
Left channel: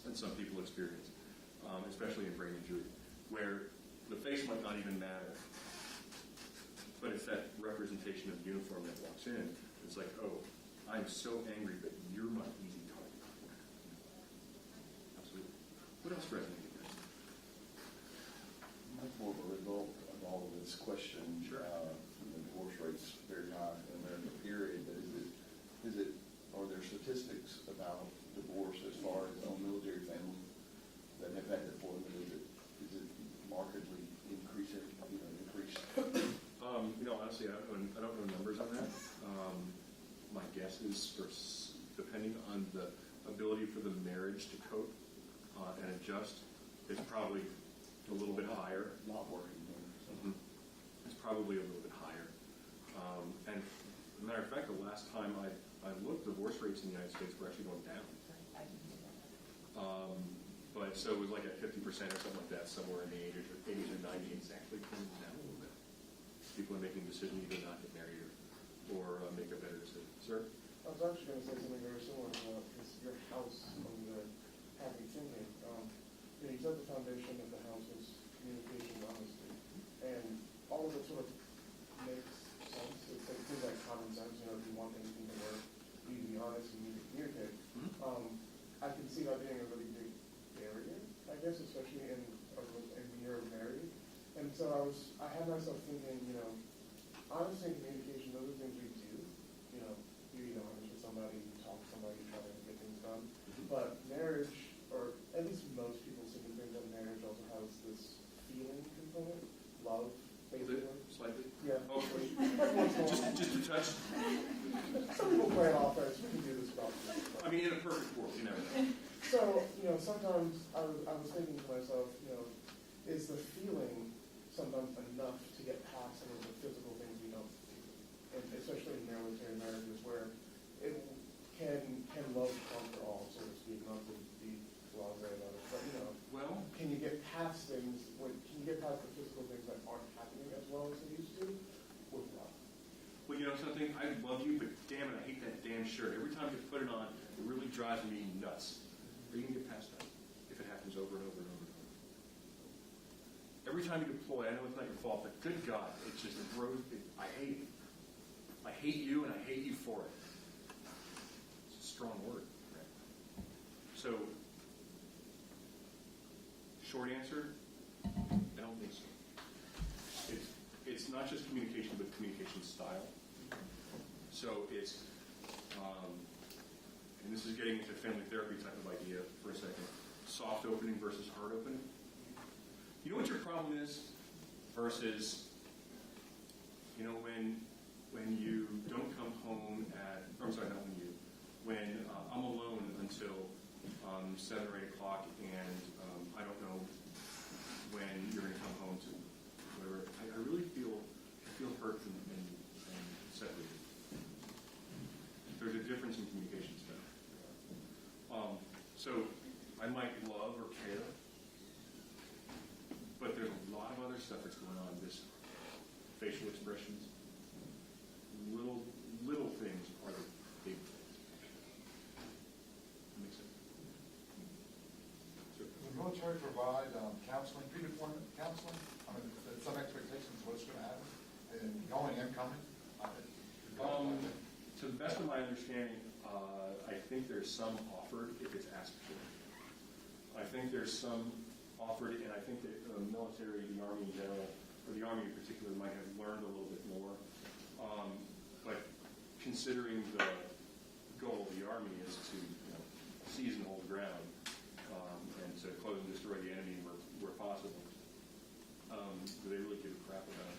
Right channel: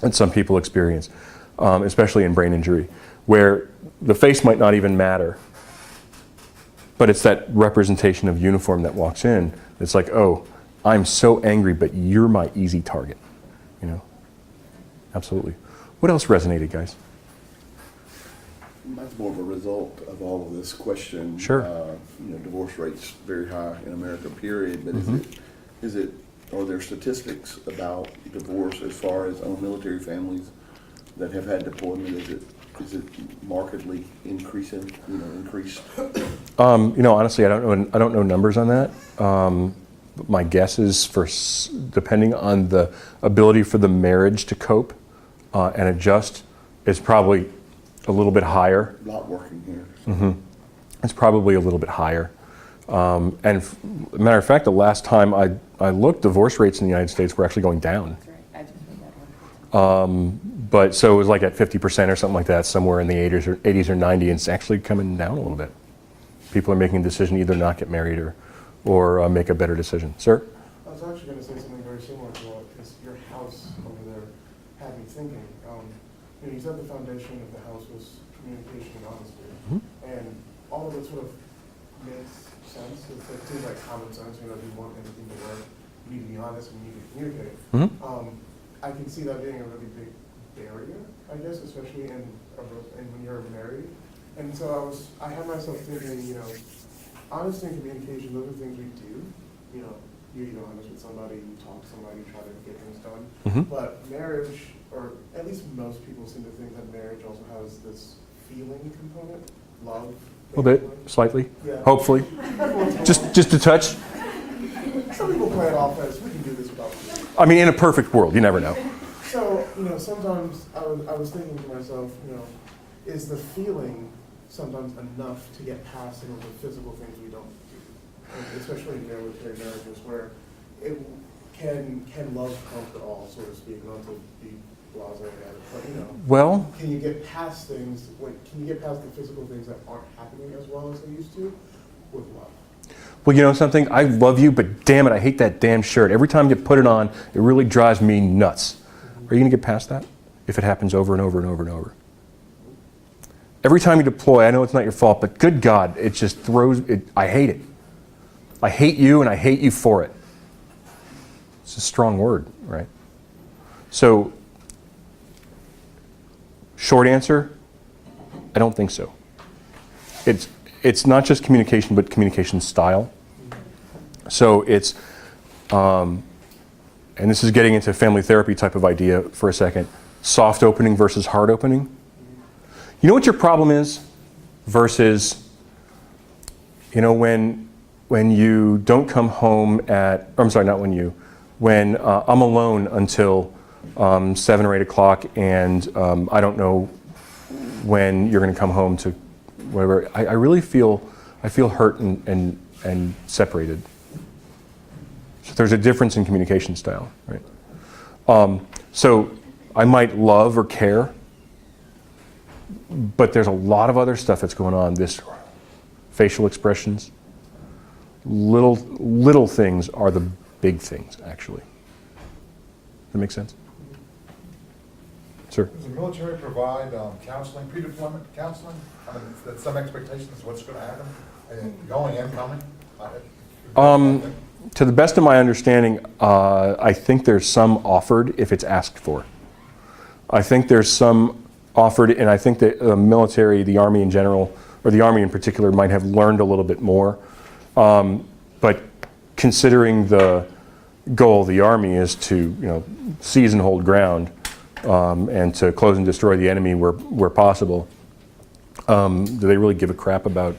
that some people experience, especially in brain injury, where the face might not even matter, but it's that representation of uniform that walks in. It's like, oh, I'm so angry, but you're my easy target, you know? Absolutely. What else resonated, guys? That's more of a result of all of this question. Sure. Divorce rates very high in America, period, but are there statistics about divorce as far as military families that have had deployment? Is it Is it markedly increasing, increased? Honestly, I don't know numbers on that. My guess is depending on the ability for the marriage to cope and adjust, it's probably a little bit higher. Not working here. Mm-hmm. It's probably a little bit higher. Matter of fact, the last time I looked, divorce rates in the United States were actually going down. That's right, I just read that one. But so it was like at 50% or something like that, somewhere in the 80s or 90s, and it's actually coming down a little bit. People are making a decision either not get married or make a better decision. Sir? I was actually going to say something very similar to what is your house over there had me thinking. You said the foundation of the house was communication and honesty, and all of it sort of makes sense. It seems like common sense. If you want anything to work, you need to be honest and you need to communicate. I can see that being a really big barrier, I guess, especially when you're married. And so I had myself thinking, honesty and communication, those are things we do. You're honest with somebody, you talk to somebody, try to get things done. But marriage, or at least most people seem to think that marriage also has this feeling component, love. A little bit, slightly, Yeah. hopefully. Just a touch. Some people play it off as, we can do this without you. I mean, in a perfect world, you never know. So, sometimes I was thinking to myself, is the feeling sometimes enough to get past some of the physical things we don't do? And especially in military marriages where it can love conquer all, so to speak, not to be blasé at it, but Well, can you get past things, can you get past the physical things that aren't happening as well as they used to with love? well, you know something? I love you, but damn it, I hate that damn shirt. Every time you put it on, it really drives me nuts. Are you going to get past that if it happens over and over and over and over? Every time you deploy, I know it's not your fault, but good God, it just throws it. I hate it. I hate you, and I hate you for it. It's a strong word, right? So, short answer, I don't think so. It's not just communication, but communication style. So it's, and this is getting into family therapy type of idea for a second, soft opening versus hard opening. You know what your problem is versus, when you don't come home at, I'm sorry, not when you, when I'm alone until 7 or 8 o'clock and I don't know when you're going to come home to whatever. I really feel hurt and separated. So there's a difference in communication style, right? So I might love or care, but there's a lot of other stuff that's going on. This facial expressions, little things are the big things, actually. Does that make sense? Sir? Does the military provide counseling, pre-deployment counseling? Some expectations of what's going to happen, going and coming? To the best of my understanding, I think there's some offered if it's asked for. I think there's some offered, and I think that the military, the Army in general, or the Army in particular, might have learned a little bit more. But considering the goal of the Army is to, seize and hold ground, and to close and destroy the enemy where possible, do they really give a crap about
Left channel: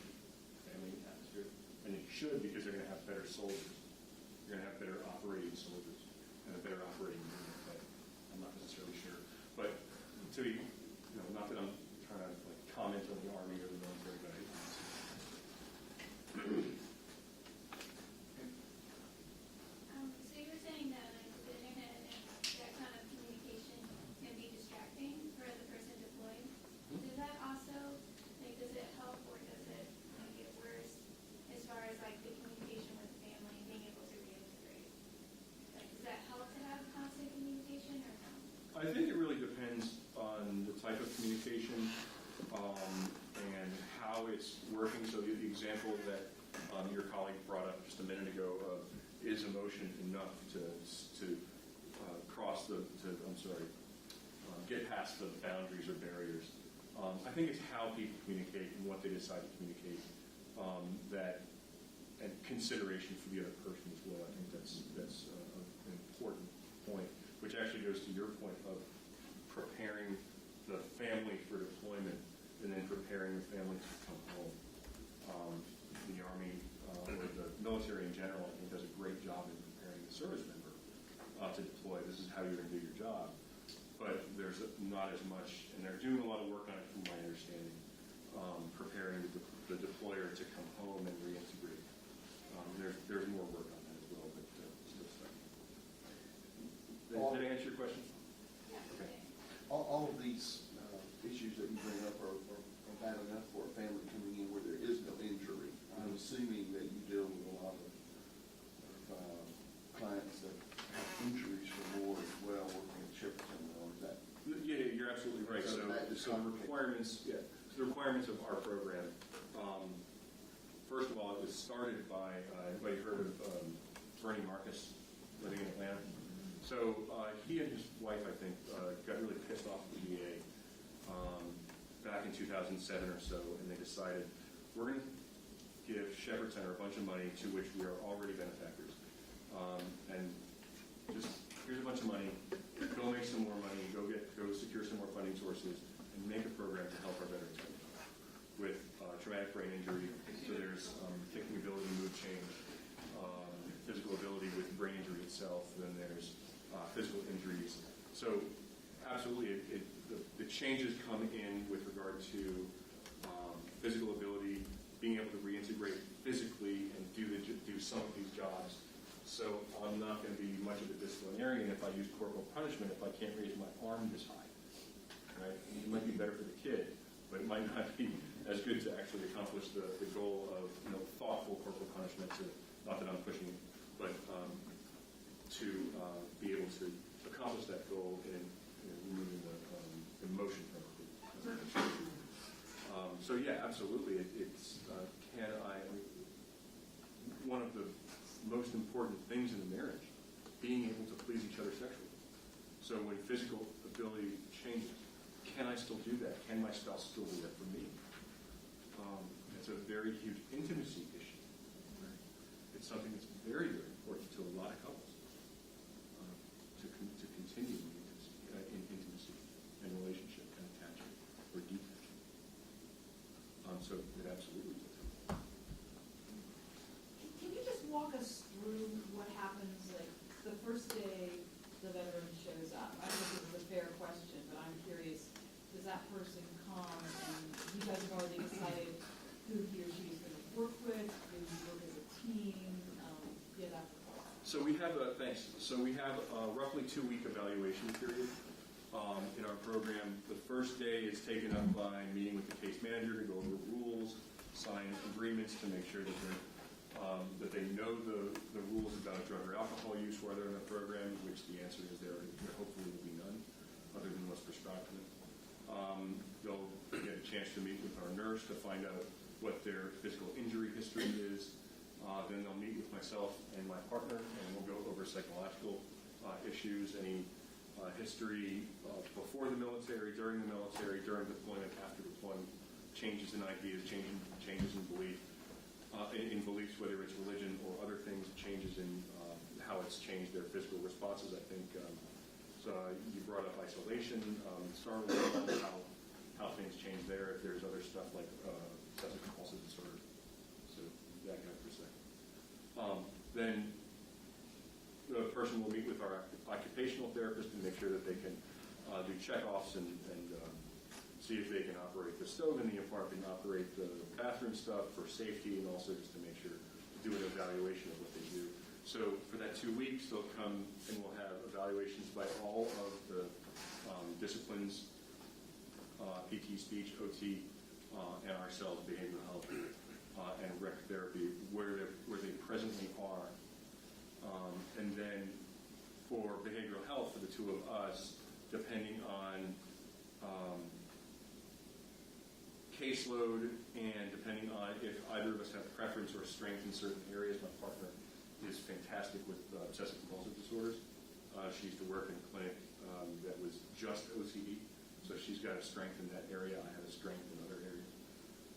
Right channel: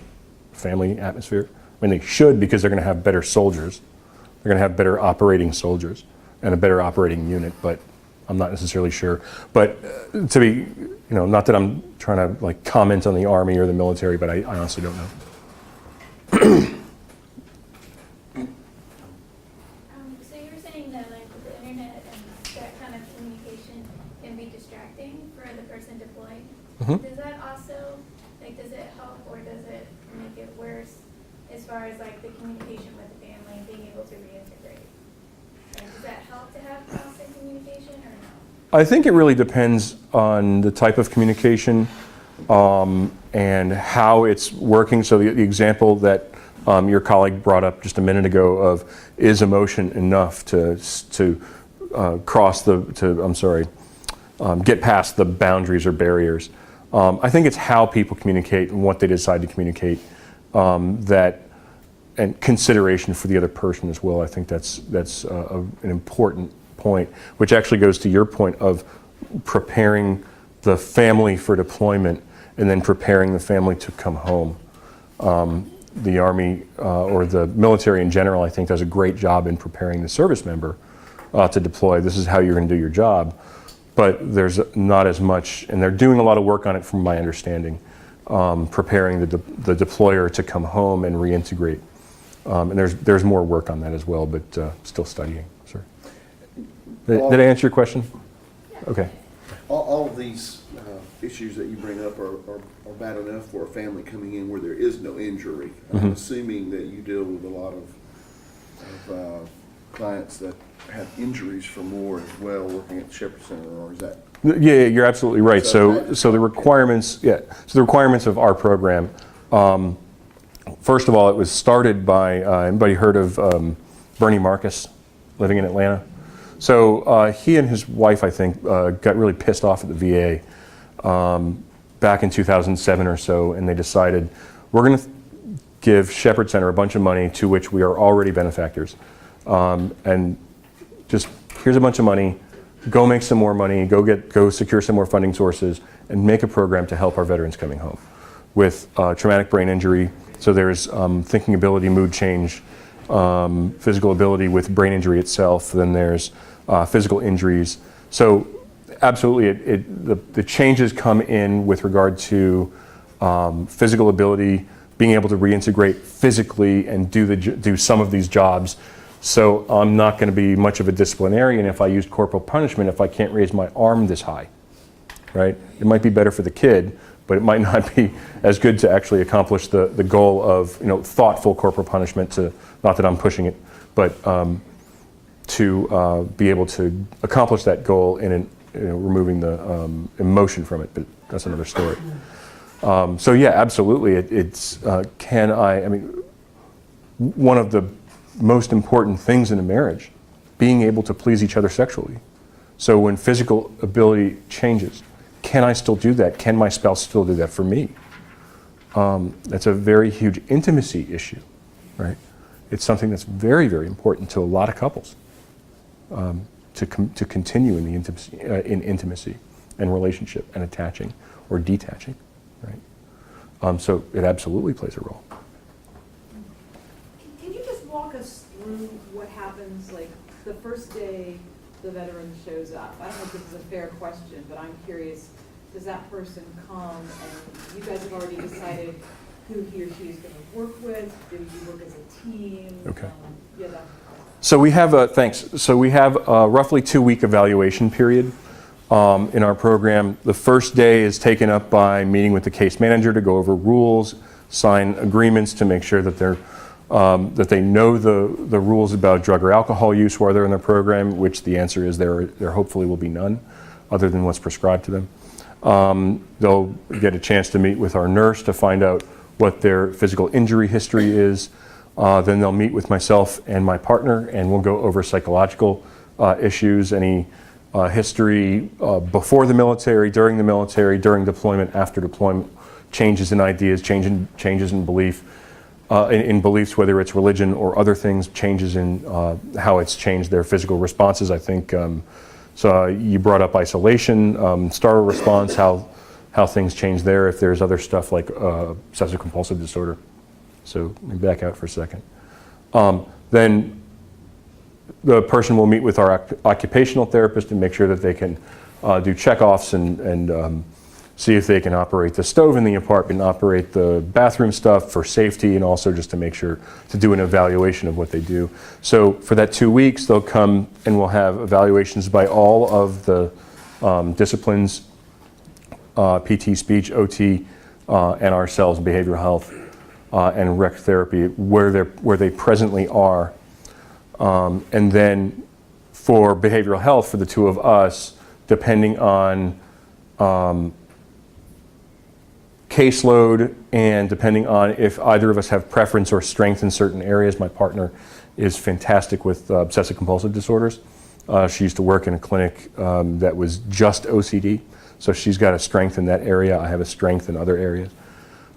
family atmosphere? I mean, they should, because they're going to have better soldiers. They're going to have better operating soldiers and a better operating unit, but I'm not necessarily sure. But to be, not that I'm trying to comment on the Army or the military, but I honestly don't know. So you were saying that with the internet and that kind of communication can be distracting for the person deployed. Does that also, does it help or does it make it worse as far as the communication with the family and being able to reintegrate? Does that help to have constant communication or no? I think it really depends on the type of communication and how it's working. So the example that your colleague brought up just a minute ago of is emotion enough to get past the boundaries or barriers. I think it's how people communicate and what they decide to communicate and consideration for the other person as well. I think that's an important point, which actually goes to your point of preparing the family for deployment and then preparing the family to come home. The Army or the military in general, I think, does a great job in preparing the service member to deploy. This is how you're going to do your job. But there's not as much, and they're doing a lot of work on it from my understanding, preparing the deployer to come home and reintegrate. And there's more work on that as well, but still studying. Sir. Did I answer your question? Okay. All of these issues that you bring up are bad enough for a family coming in where there is no injury. I'm assuming that you deal with a lot of clients that have injuries for more as well working at the Shepherd Center, or is that? Yeah, you're absolutely right. So the requirements, so the requirements of our program, first of all, it was started by, anybody heard of Bernie Marcus living in Atlanta? So he and his wife, I think, got really pissed off at the VA back in 2007 or so, and they decided, we're going to give Shepherd Center a bunch of money to which we are already benefactors. And just, here's a bunch of money, go make some more money, go secure some more funding sources, and make a program to help our veterans coming home with traumatic brain injury. So there's thinking ability, mood change, physical ability with brain injury itself, then there's physical injuries. So absolutely, the changes come in with regard to physical ability, being able to reintegrate physically and do some of these jobs. So I'm not going to be much of a disciplinarian if I use corporal punishment if I can't raise my arm this high, right? It might be better for the kid, but it might not be as good to actually accomplish the goal of thoughtful corporal punishment. To, not that I'm pushing it, but to be able to accomplish that goal in removing the emotion from it. But that's another story. So yeah, absolutely. It's I mean, one of the most important things in a marriage, being able to please each other sexually. So when physical ability changes, can I still do that? Can my spouse still do that for me? That's a very huge intimacy issue, right? It's something that's very, very important to a lot of couples to continue in the intimacy and relationship and attaching or detaching, right? So it absolutely plays a role. Can you just walk us through what happens, like, the first day the veteran shows up? I don't know if this is a fair question, but I'm curious, does that person come and you guys have already decided who he or she is going to work with? Do you work as a team? Okay. Yeah, that. So we have thanks. So we have a roughly 2-week evaluation period in our program. The first day is taken up by meeting with the case manager to go over rules, sign agreements to make sure that that they know the rules about drug or alcohol use while they're in the program, which the answer is there hopefully will be none, other than what's prescribed to them. They'll get a chance to meet with our nurse to find out what their physical injury history is. Then they'll meet with myself and my partner, and we'll go over psychological issues, any history before the military, during deployment, after deployment, changes in ideas, changes in belief, in beliefs, whether it's religion or other things, changes in how it's changed their physical responses. I think, so you brought up isolation, startle response, how things change there, if there's other stuff like obsessive compulsive disorder. So let me back out for a second. Then the person will meet with our occupational therapist and make sure that they can do checkoffs and see if they can operate the stove in the apartment, operate the bathroom stuff for safety, and also just to make sure to do an evaluation of what they do. So for that 2 weeks, they'll come and we'll have evaluations by all of the disciplines, PT, speech, OT, and ourselves, behavioral health, and rec therapy, where they presently are. And then for behavioral health, for the two of us, depending on caseload and depending on if either of us have preference or strength in certain areas. My partner is fantastic with obsessive compulsive disorders. She used to work in a clinic that was just OCD, so she's got a strength in that area. I have a strength in other areas,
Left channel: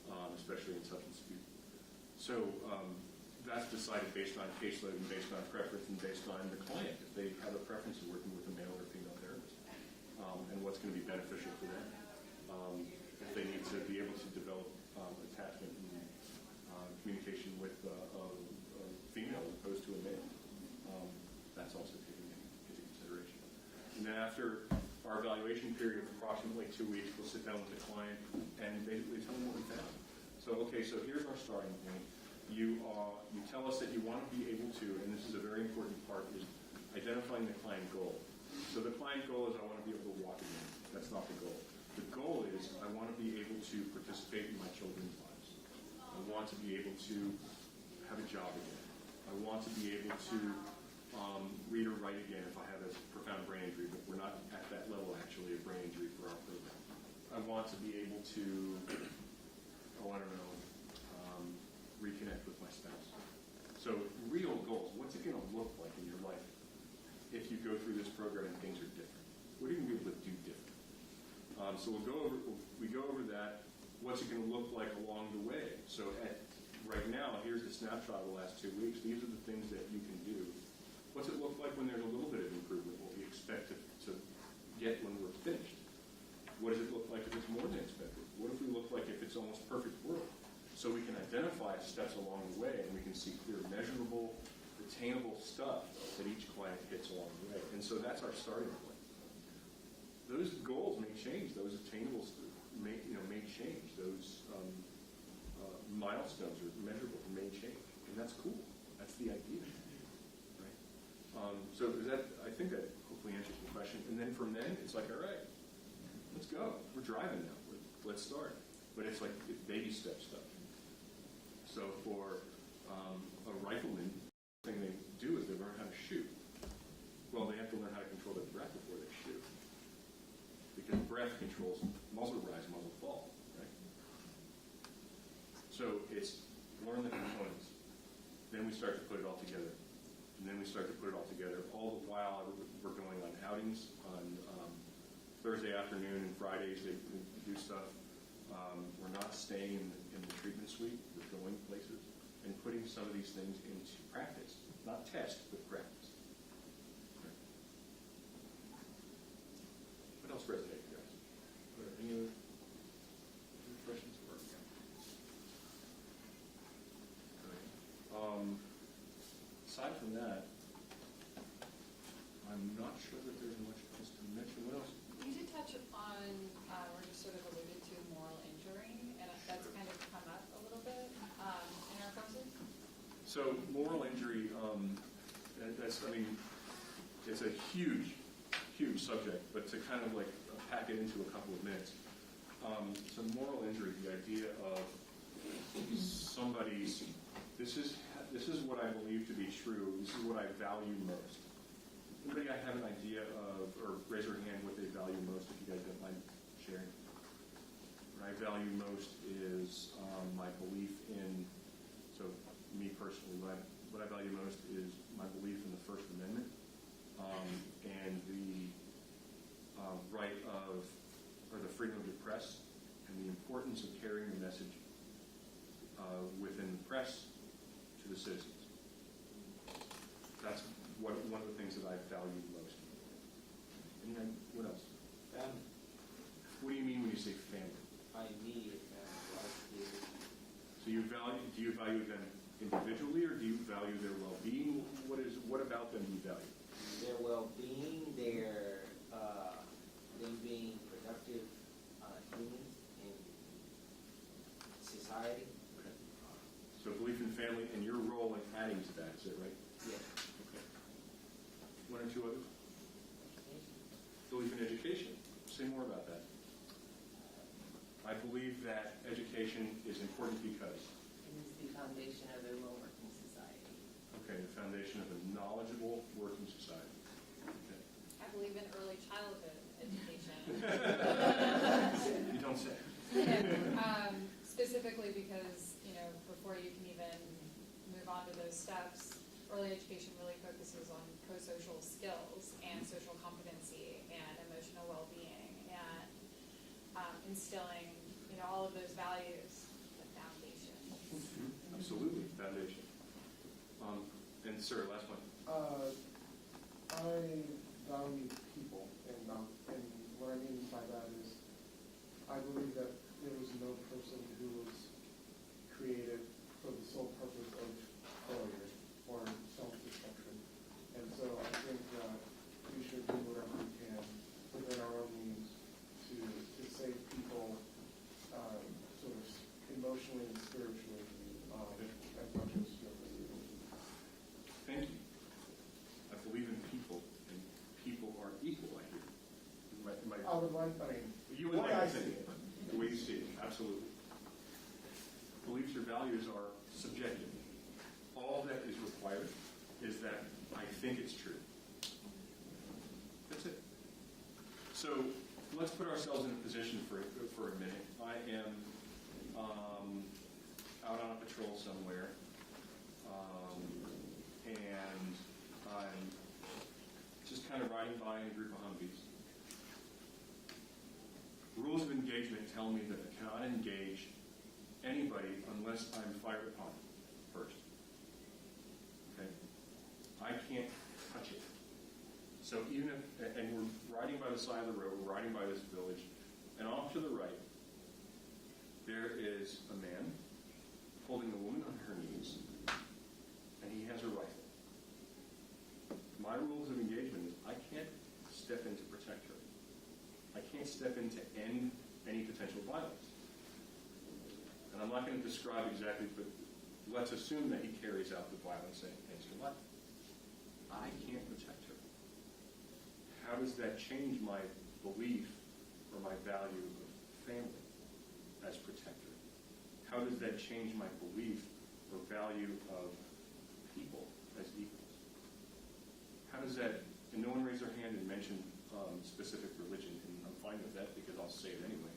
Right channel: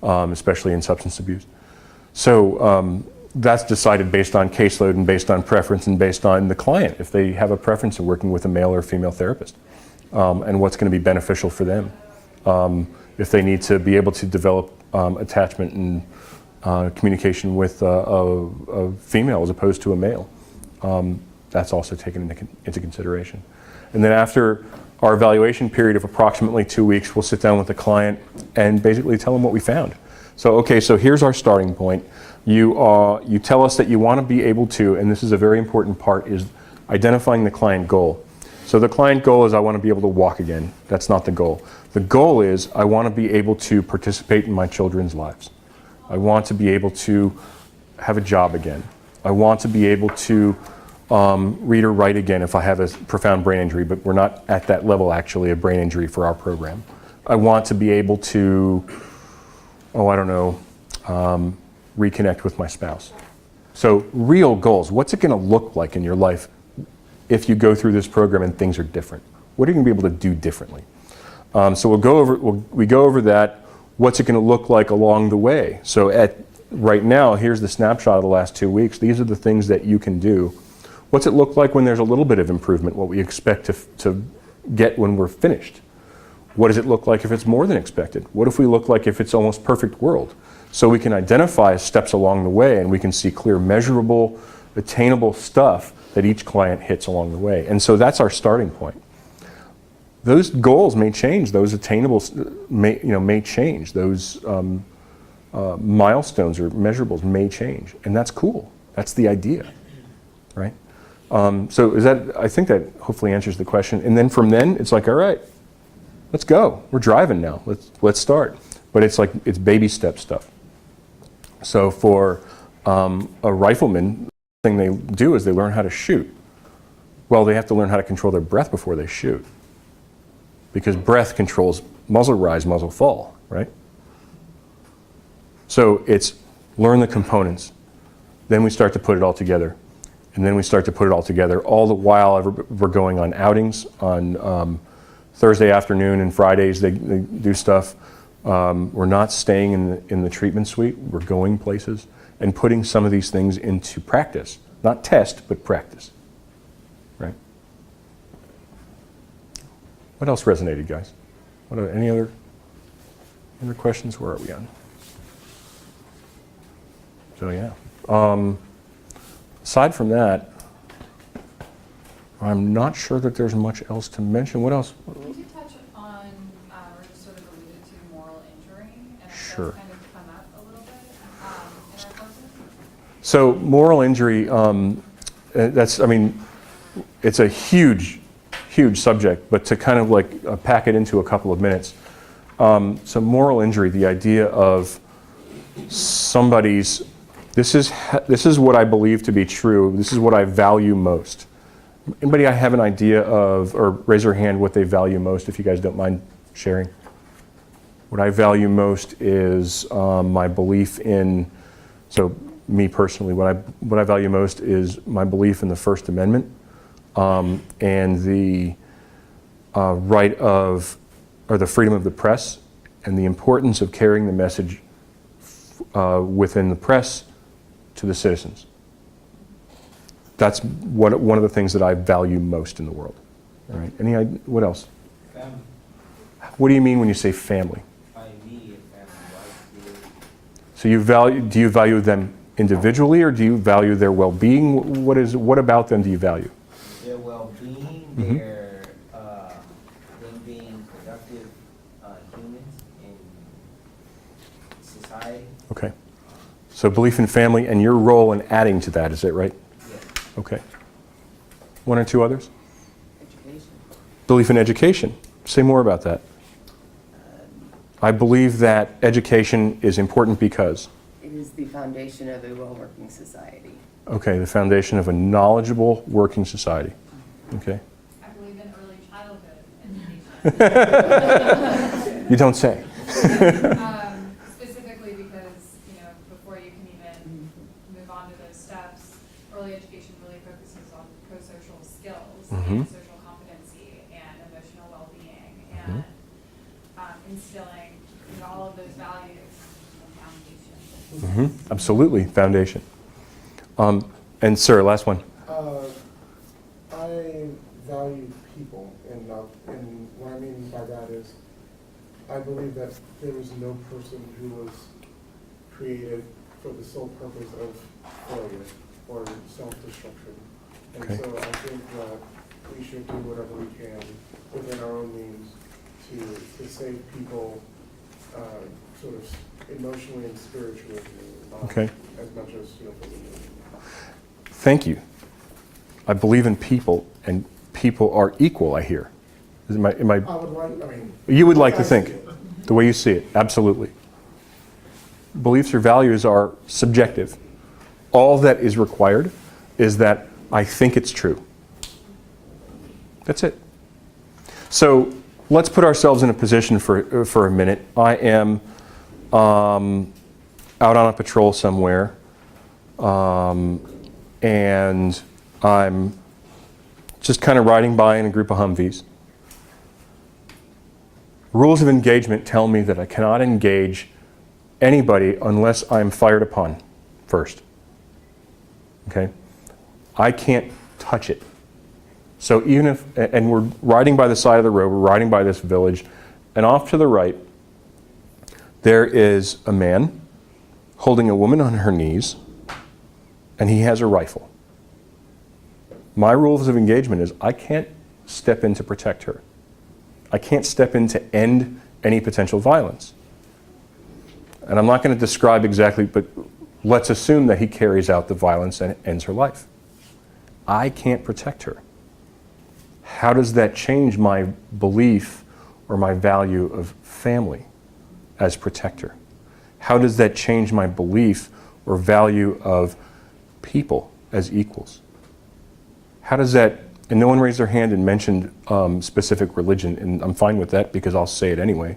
especially in substance abuse. So that's decided based on caseload and based on preference and based on the client, if they have a preference in working with a male or female therapist. and what's going to be beneficial for them. If they need to be able to develop attachment and communication with a female as opposed to a male, that's also taken into consideration. And then after our evaluation period of approximately 2 weeks, we'll sit down with the client and basically tell them what we found. So, okay, so here's our starting point. You tell us that you want to be able to, and this is a very important part, is identifying the client goal. So the client goal is I want to be able to walk again. That's not the goal. The goal is I want to be able to participate in my children's lives. I want to be able to have a job again. I want to be able to read or write again if I have a profound brain injury, but we're not at that level actually of brain injury for our program. I want to be able to, reconnect with my spouse. So real goals, what's it going to look like in your life if you go through this program and things are different? What are you going to be able to do differently? So we go over that. What's it going to look like along the way? So right now, here's the snapshot of the last 2 weeks. These are the things that you can do. What's it look like when there's a little bit of improvement, what we expect to get when we're finished? What does it look like if it's more than expected? What if we look like if it's almost perfect world? So we can identify steps along the way and we can see clear, measurable, attainable stuff that each client hits along the way. And so that's our starting point. Those goals may change, those attainables may change, those milestones or measurables may change, and that's cool. That's the idea, right? So I think that hopefully answers the question. And then from then, it's like, all right, let's go. We're driving now. Let's start. But it's baby step stuff. So for a rifleman, the thing they do is they learn how to shoot. Well, they have to learn how to control their breath before they shoot, because breath controls muzzle rise, muzzle fall, right? So it's learn the components. Then we start to put it all together. And then we start to put it all together. All the while we're going on outings on Thursday afternoon and Fridays they do stuff. We're not staying in the treatment suite. We're going places and putting some of these things into practice. Not test, but practice, right? What else resonated, guys? Any other questions? Where are we on? So yeah. Aside from that, I'm not sure that there's much else to mention. What else? Could you touch on, or just sort of alluded to moral injury, and Sure. that's kind of come up a little bit in our courses? So moral injury, it's a huge subject, but to kind of pack it into a couple of minutes. So moral injury, the idea of somebody's, this is what I believe to be true, this is what I value most. Anybody have an idea of, or raise your hand what they value most, if you guys don't mind sharing? What I value most is my belief in, so me personally, what I value most is my belief in the First Amendment and the right of, or the freedom of the press, and the importance of carrying the message within the press to the citizens. That's one of the things that I value most in the world. All right. What else? Family. What do you mean when you say family? My immediate family, wife, So do you value them individually, or do you value their well-being? What about them do you value? their well-being, Mhm. them being productive humans in society. Okay. So belief in family and your role in adding to that, is that right? Yes. Okay. One or two others? Education. Belief in education. Say more about that. I believe that education is important because? It is the foundation of a well-working society. Okay, the foundation of a knowledgeable working society. Okay. I believe in early childhood education. You don't say. Specifically because, before you can even move on to those steps, early education really focuses on pro-social skills and social competency and emotional well-being and instilling all of those values and foundation. Absolutely, foundation. And sir, last one. I value people, and what I mean by that is, I believe that there is no person who was created for the sole purpose of failure or self-destruction. And Okay. so I think that we should do whatever we can within our own means to save people, sort of emotionally and spiritually, Okay. as much as, physically. Thank you. I believe in people, and people are equal, I hear. Am I, I would like, I mean. you would like to I see think, it. the way you see it, absolutely. Beliefs or values are subjective. All that is required is that I think it's true. That's it. So let's put ourselves in a position for a minute. I am out on a patrol somewhere, and I'm just kind of riding by in a group of Humvees. Rules of engagement tell me that I cannot engage anybody unless I'm fired upon first. Okay? I can't touch it. So even if, and we're riding by the side of the road, we're riding by this village, and off to the right, there is a man holding a woman on her knees, and he has a rifle. My rules of engagement is I can't step in to protect her. I can't step in to end any potential violence. And I'm not going to describe exactly, but let's assume that he carries out the violence and ends her life. I can't protect her. How does that change my belief or my value of family as protector? How does that change my belief or value of people as equals? How does that, and no one raised their hand and mentioned specific religion, and I'm fine with that because I'll say it anyway.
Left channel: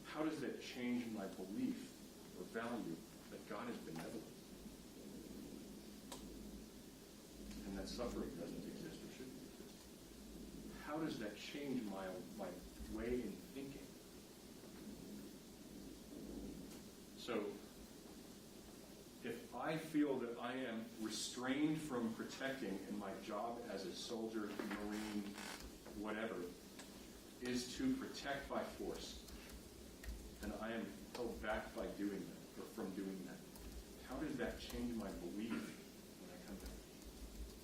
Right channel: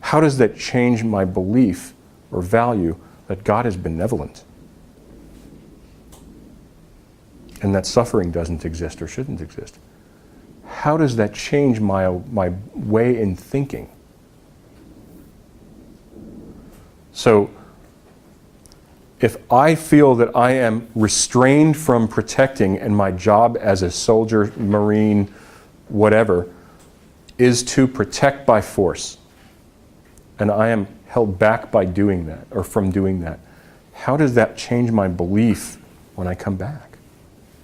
How does that change my belief or value that God is benevolent and that suffering doesn't exist or shouldn't exist? How does that change my way in thinking? So, if I feel that I am restrained from protecting and my job as a soldier, Marine, whatever, is to protect by force, and I am held back by doing that or from doing that, how does that change my belief when I come back?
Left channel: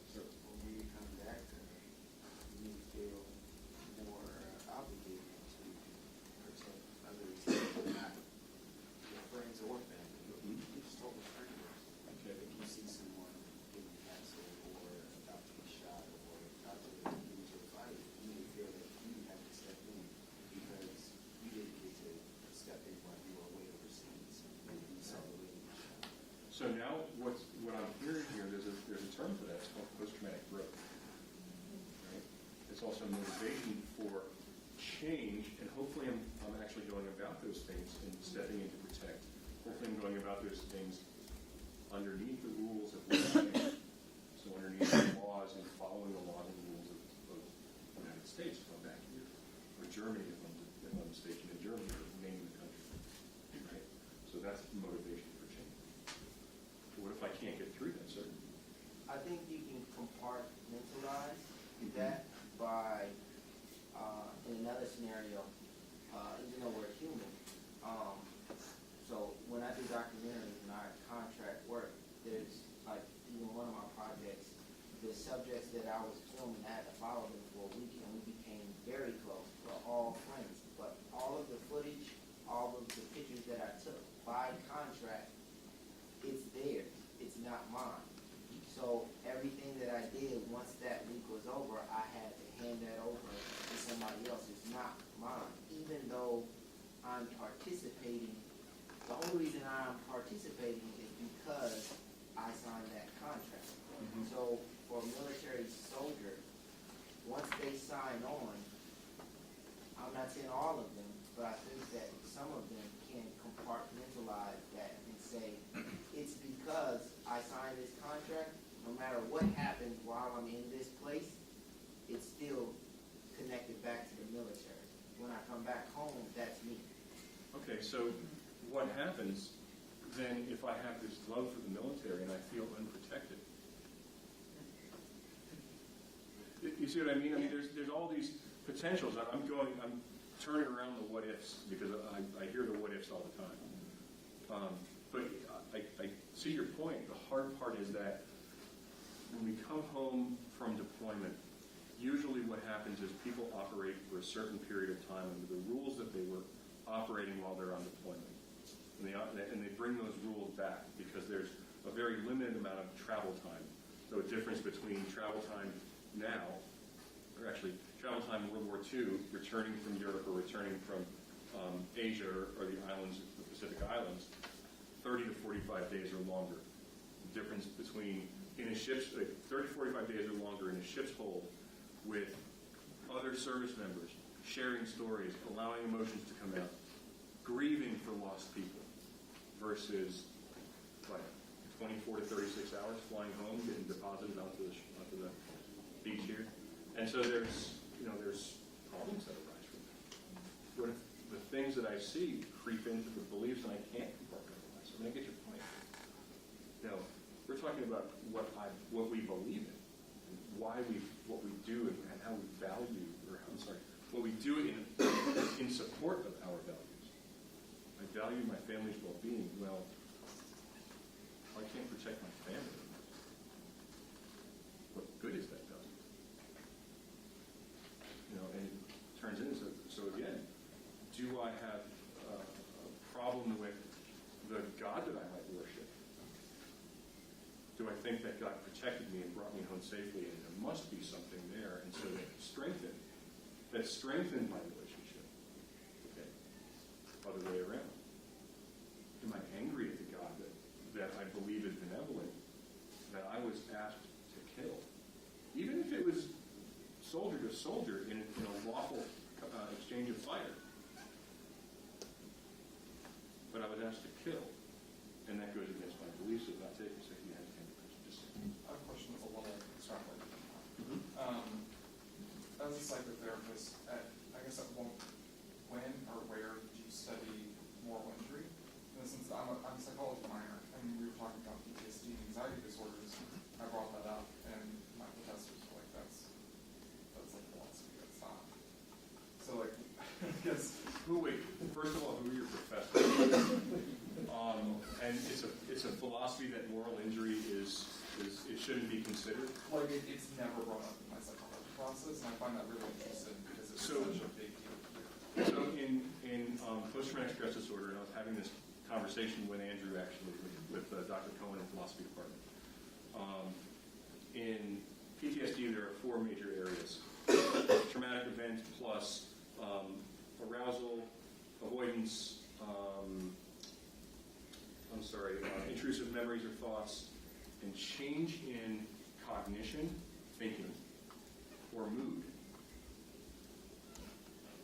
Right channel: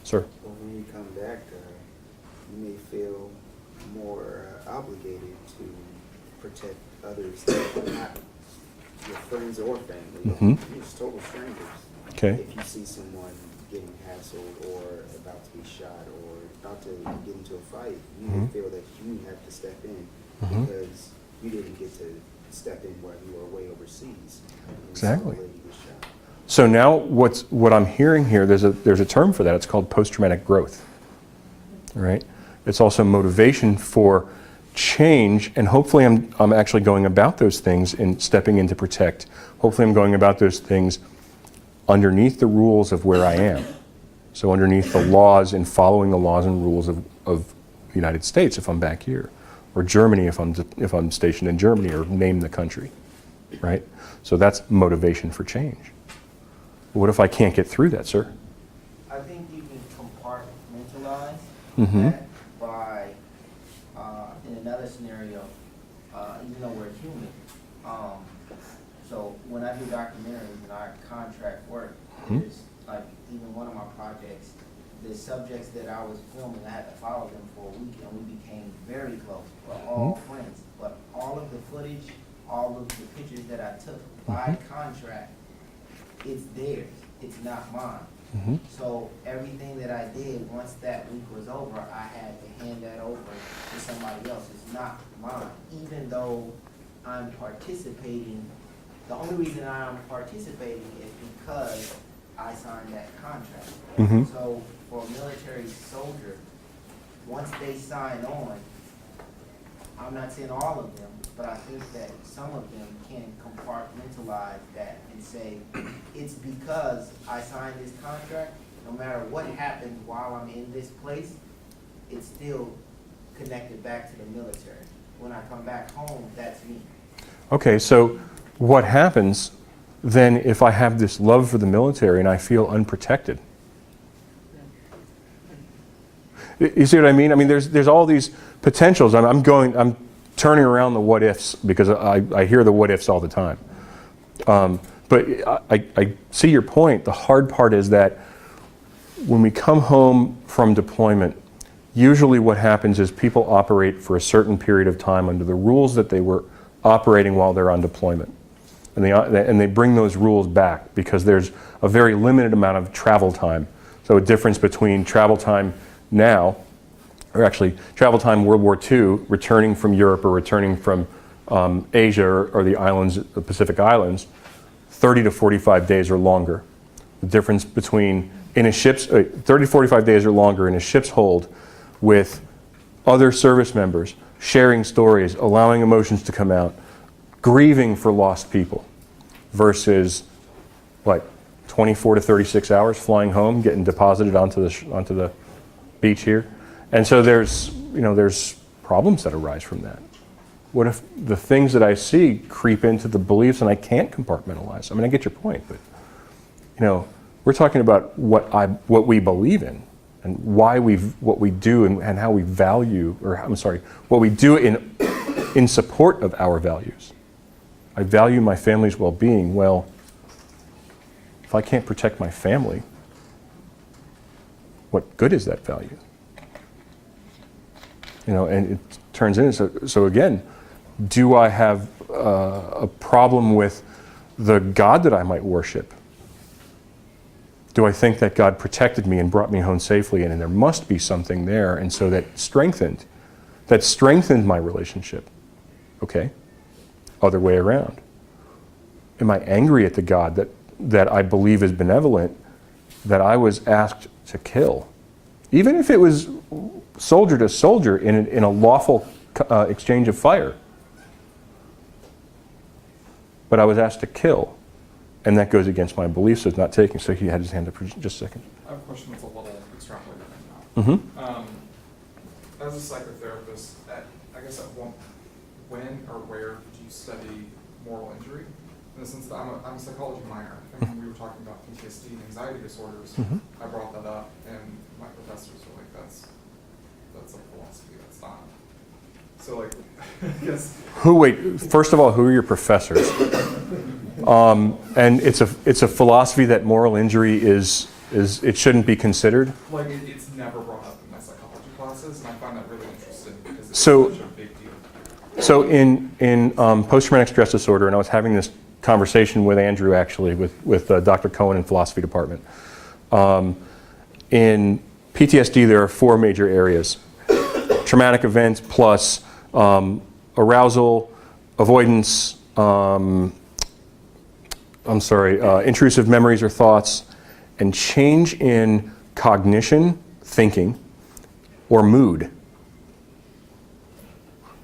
Sir? Well, when you come back, you may feel more obligated to protect others that are not your friends or family. Mhm. You're just total strangers. Okay. If you see someone getting hassled or about to be shot or about to get into a fight, you may feel that you have to step in because you didn't get to step in while you were away overseas. And Exactly. so the lady was shot. So now what I'm hearing here, there's a term for that. It's called post-traumatic growth. All right? It's also motivation for change, and hopefully I'm actually going about those things and stepping in to protect. Hopefully I'm going about those things underneath the rules of where I am. So underneath the laws and following the laws and rules of the United States if I'm back here, or Germany if I'm stationed in Germany, or name the country, right? So that's motivation for change. What if I can't get through that, sir? I think you can compartmentalize Mm-hmm. that by, in another scenario, even though we're human. So when I do documentaries and I contract work, there's like even one of my projects, the subjects that I was filming, I had to follow them for a week and we became very close. We're all friends, but all of the footage, all of the pictures that I took by contract, it's theirs, it's not mine. So everything that I did, once that week was over, I had to hand that over to somebody else. It's not mine, even though I'm participating. The only reason I'm participating is because I signed that contract. So for a military soldier, once they sign on, I'm not saying all of them, but I think that some of them can compartmentalize that and say, it's because I signed this contract, no matter what happens while I'm in this place, it's still connected back to the military. When I come back home, that's me. Okay, so what happens then if I have this love for the military and I feel unprotected? You see what I mean? I mean, there's all these potentials. I'm turning around the what ifs because I hear the what ifs all the time. But I see your point. The hard part is that when we come home from deployment, usually what happens is people operate for a certain period of time under the rules that they were operating while they're on deployment. And they bring those rules back because there's a very limited amount of travel time. So a difference between travel time now, or actually travel time World War II, returning from Europe or returning from Asia or the islands, the Pacific Islands, 30 to 45 days or longer. The difference between 30 to 45 days or longer in a ship's hold with other service members, sharing stories, allowing emotions to come out, grieving for lost people, versus like 24 to 36 hours flying home, getting deposited onto the beach here. And so there's problems that arise from that. What if the things that I see creep into the beliefs and I can't compartmentalize? I mean, I get your point, but we're talking about what we believe in and what we do and how we value, what we do in support of our values. I value my family's well-being. Well, if I can't protect my family, what good is that value? And it turns into, so again, do I have a problem with the God that I might worship? Do I think that God protected me and brought me home safely, and there must be something there, and so that strengthened my relationship? Okay. Other way around. Am I angry at the God that I believe is benevolent, that I was asked to kill? Even if it was soldier to soldier in a lawful exchange of fire. But I was asked to kill, and that goes against my beliefs, so it's not taking. So he had his hand up for just a second. I have a question that's a little extrapolated Mm-hmm. now. As a psychotherapist, I guess when or where do you study moral injury? In the sense that I'm a psychology minor, and when we were talking about PTSD and anxiety disorders, I brought that up, and my professors were like, that's a philosophy, that's not. So like, I guess. First of all, who are your professors? And it's a philosophy that moral injury it shouldn't be considered. Like it's never brought up in my psychology classes, and I find that really interesting because it's So- such a big deal. So in post-traumatic stress disorder, and I was having this conversation with Andrew actually, with Dr. Cohen in philosophy department. In PTSD, there are 4 major areas: traumatic events plus arousal, avoidance, intrusive memories or thoughts, and change in cognition, thinking, or mood.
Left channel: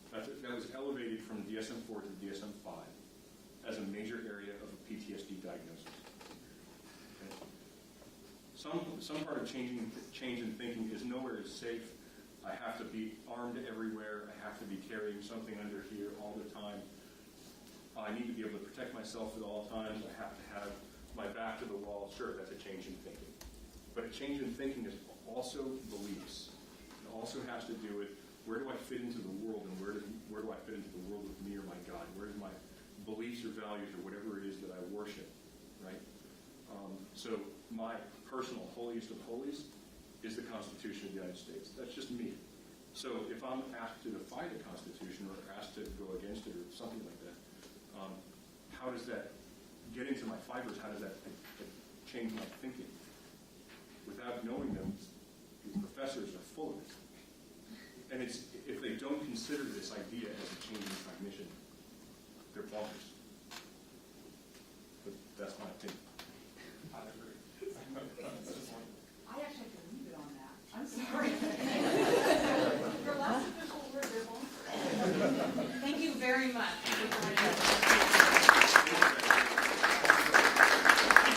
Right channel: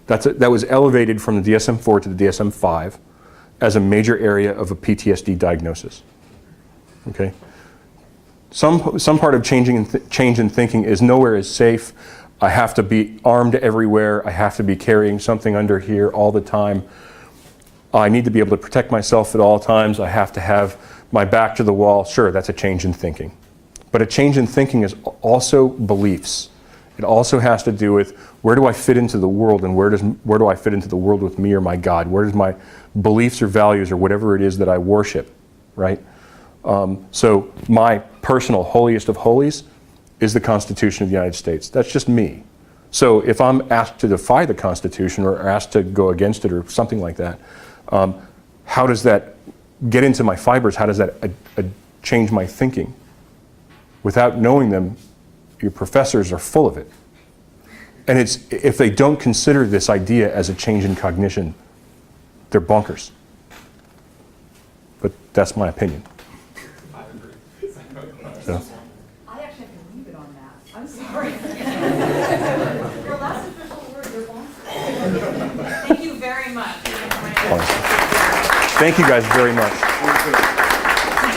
That was elevated from the DSM-4 to the DSM-5 as a major area of a PTSD diagnosis. Okay? Some part of change in thinking is nowhere is safe. I have to be armed everywhere. I have to be carrying something under here all the time. I need to be able to protect myself at all times. I have to have my back to the wall. Sure, that's a change in thinking. But a change in thinking is also beliefs. It also has to do with where do I fit into the world, and where do I fit into the world with me or my God? Where does my beliefs or values or whatever it is that I worship, right? So my personal holiest of holies is the Constitution of the United States. That's just me. So if I'm asked to defy the Constitution or asked to go against it or something like that, how does that get into my fibers? How does that change my thinking? Without knowing them, your professors are full of it. And if they don't consider this idea as a change in cognition, they're bonkers. But that's my opinion. I agree. So. I actually have to leave it on that. I'm sorry. Your last official word, you're bonkers. Thank you very much. Thank you guys very much.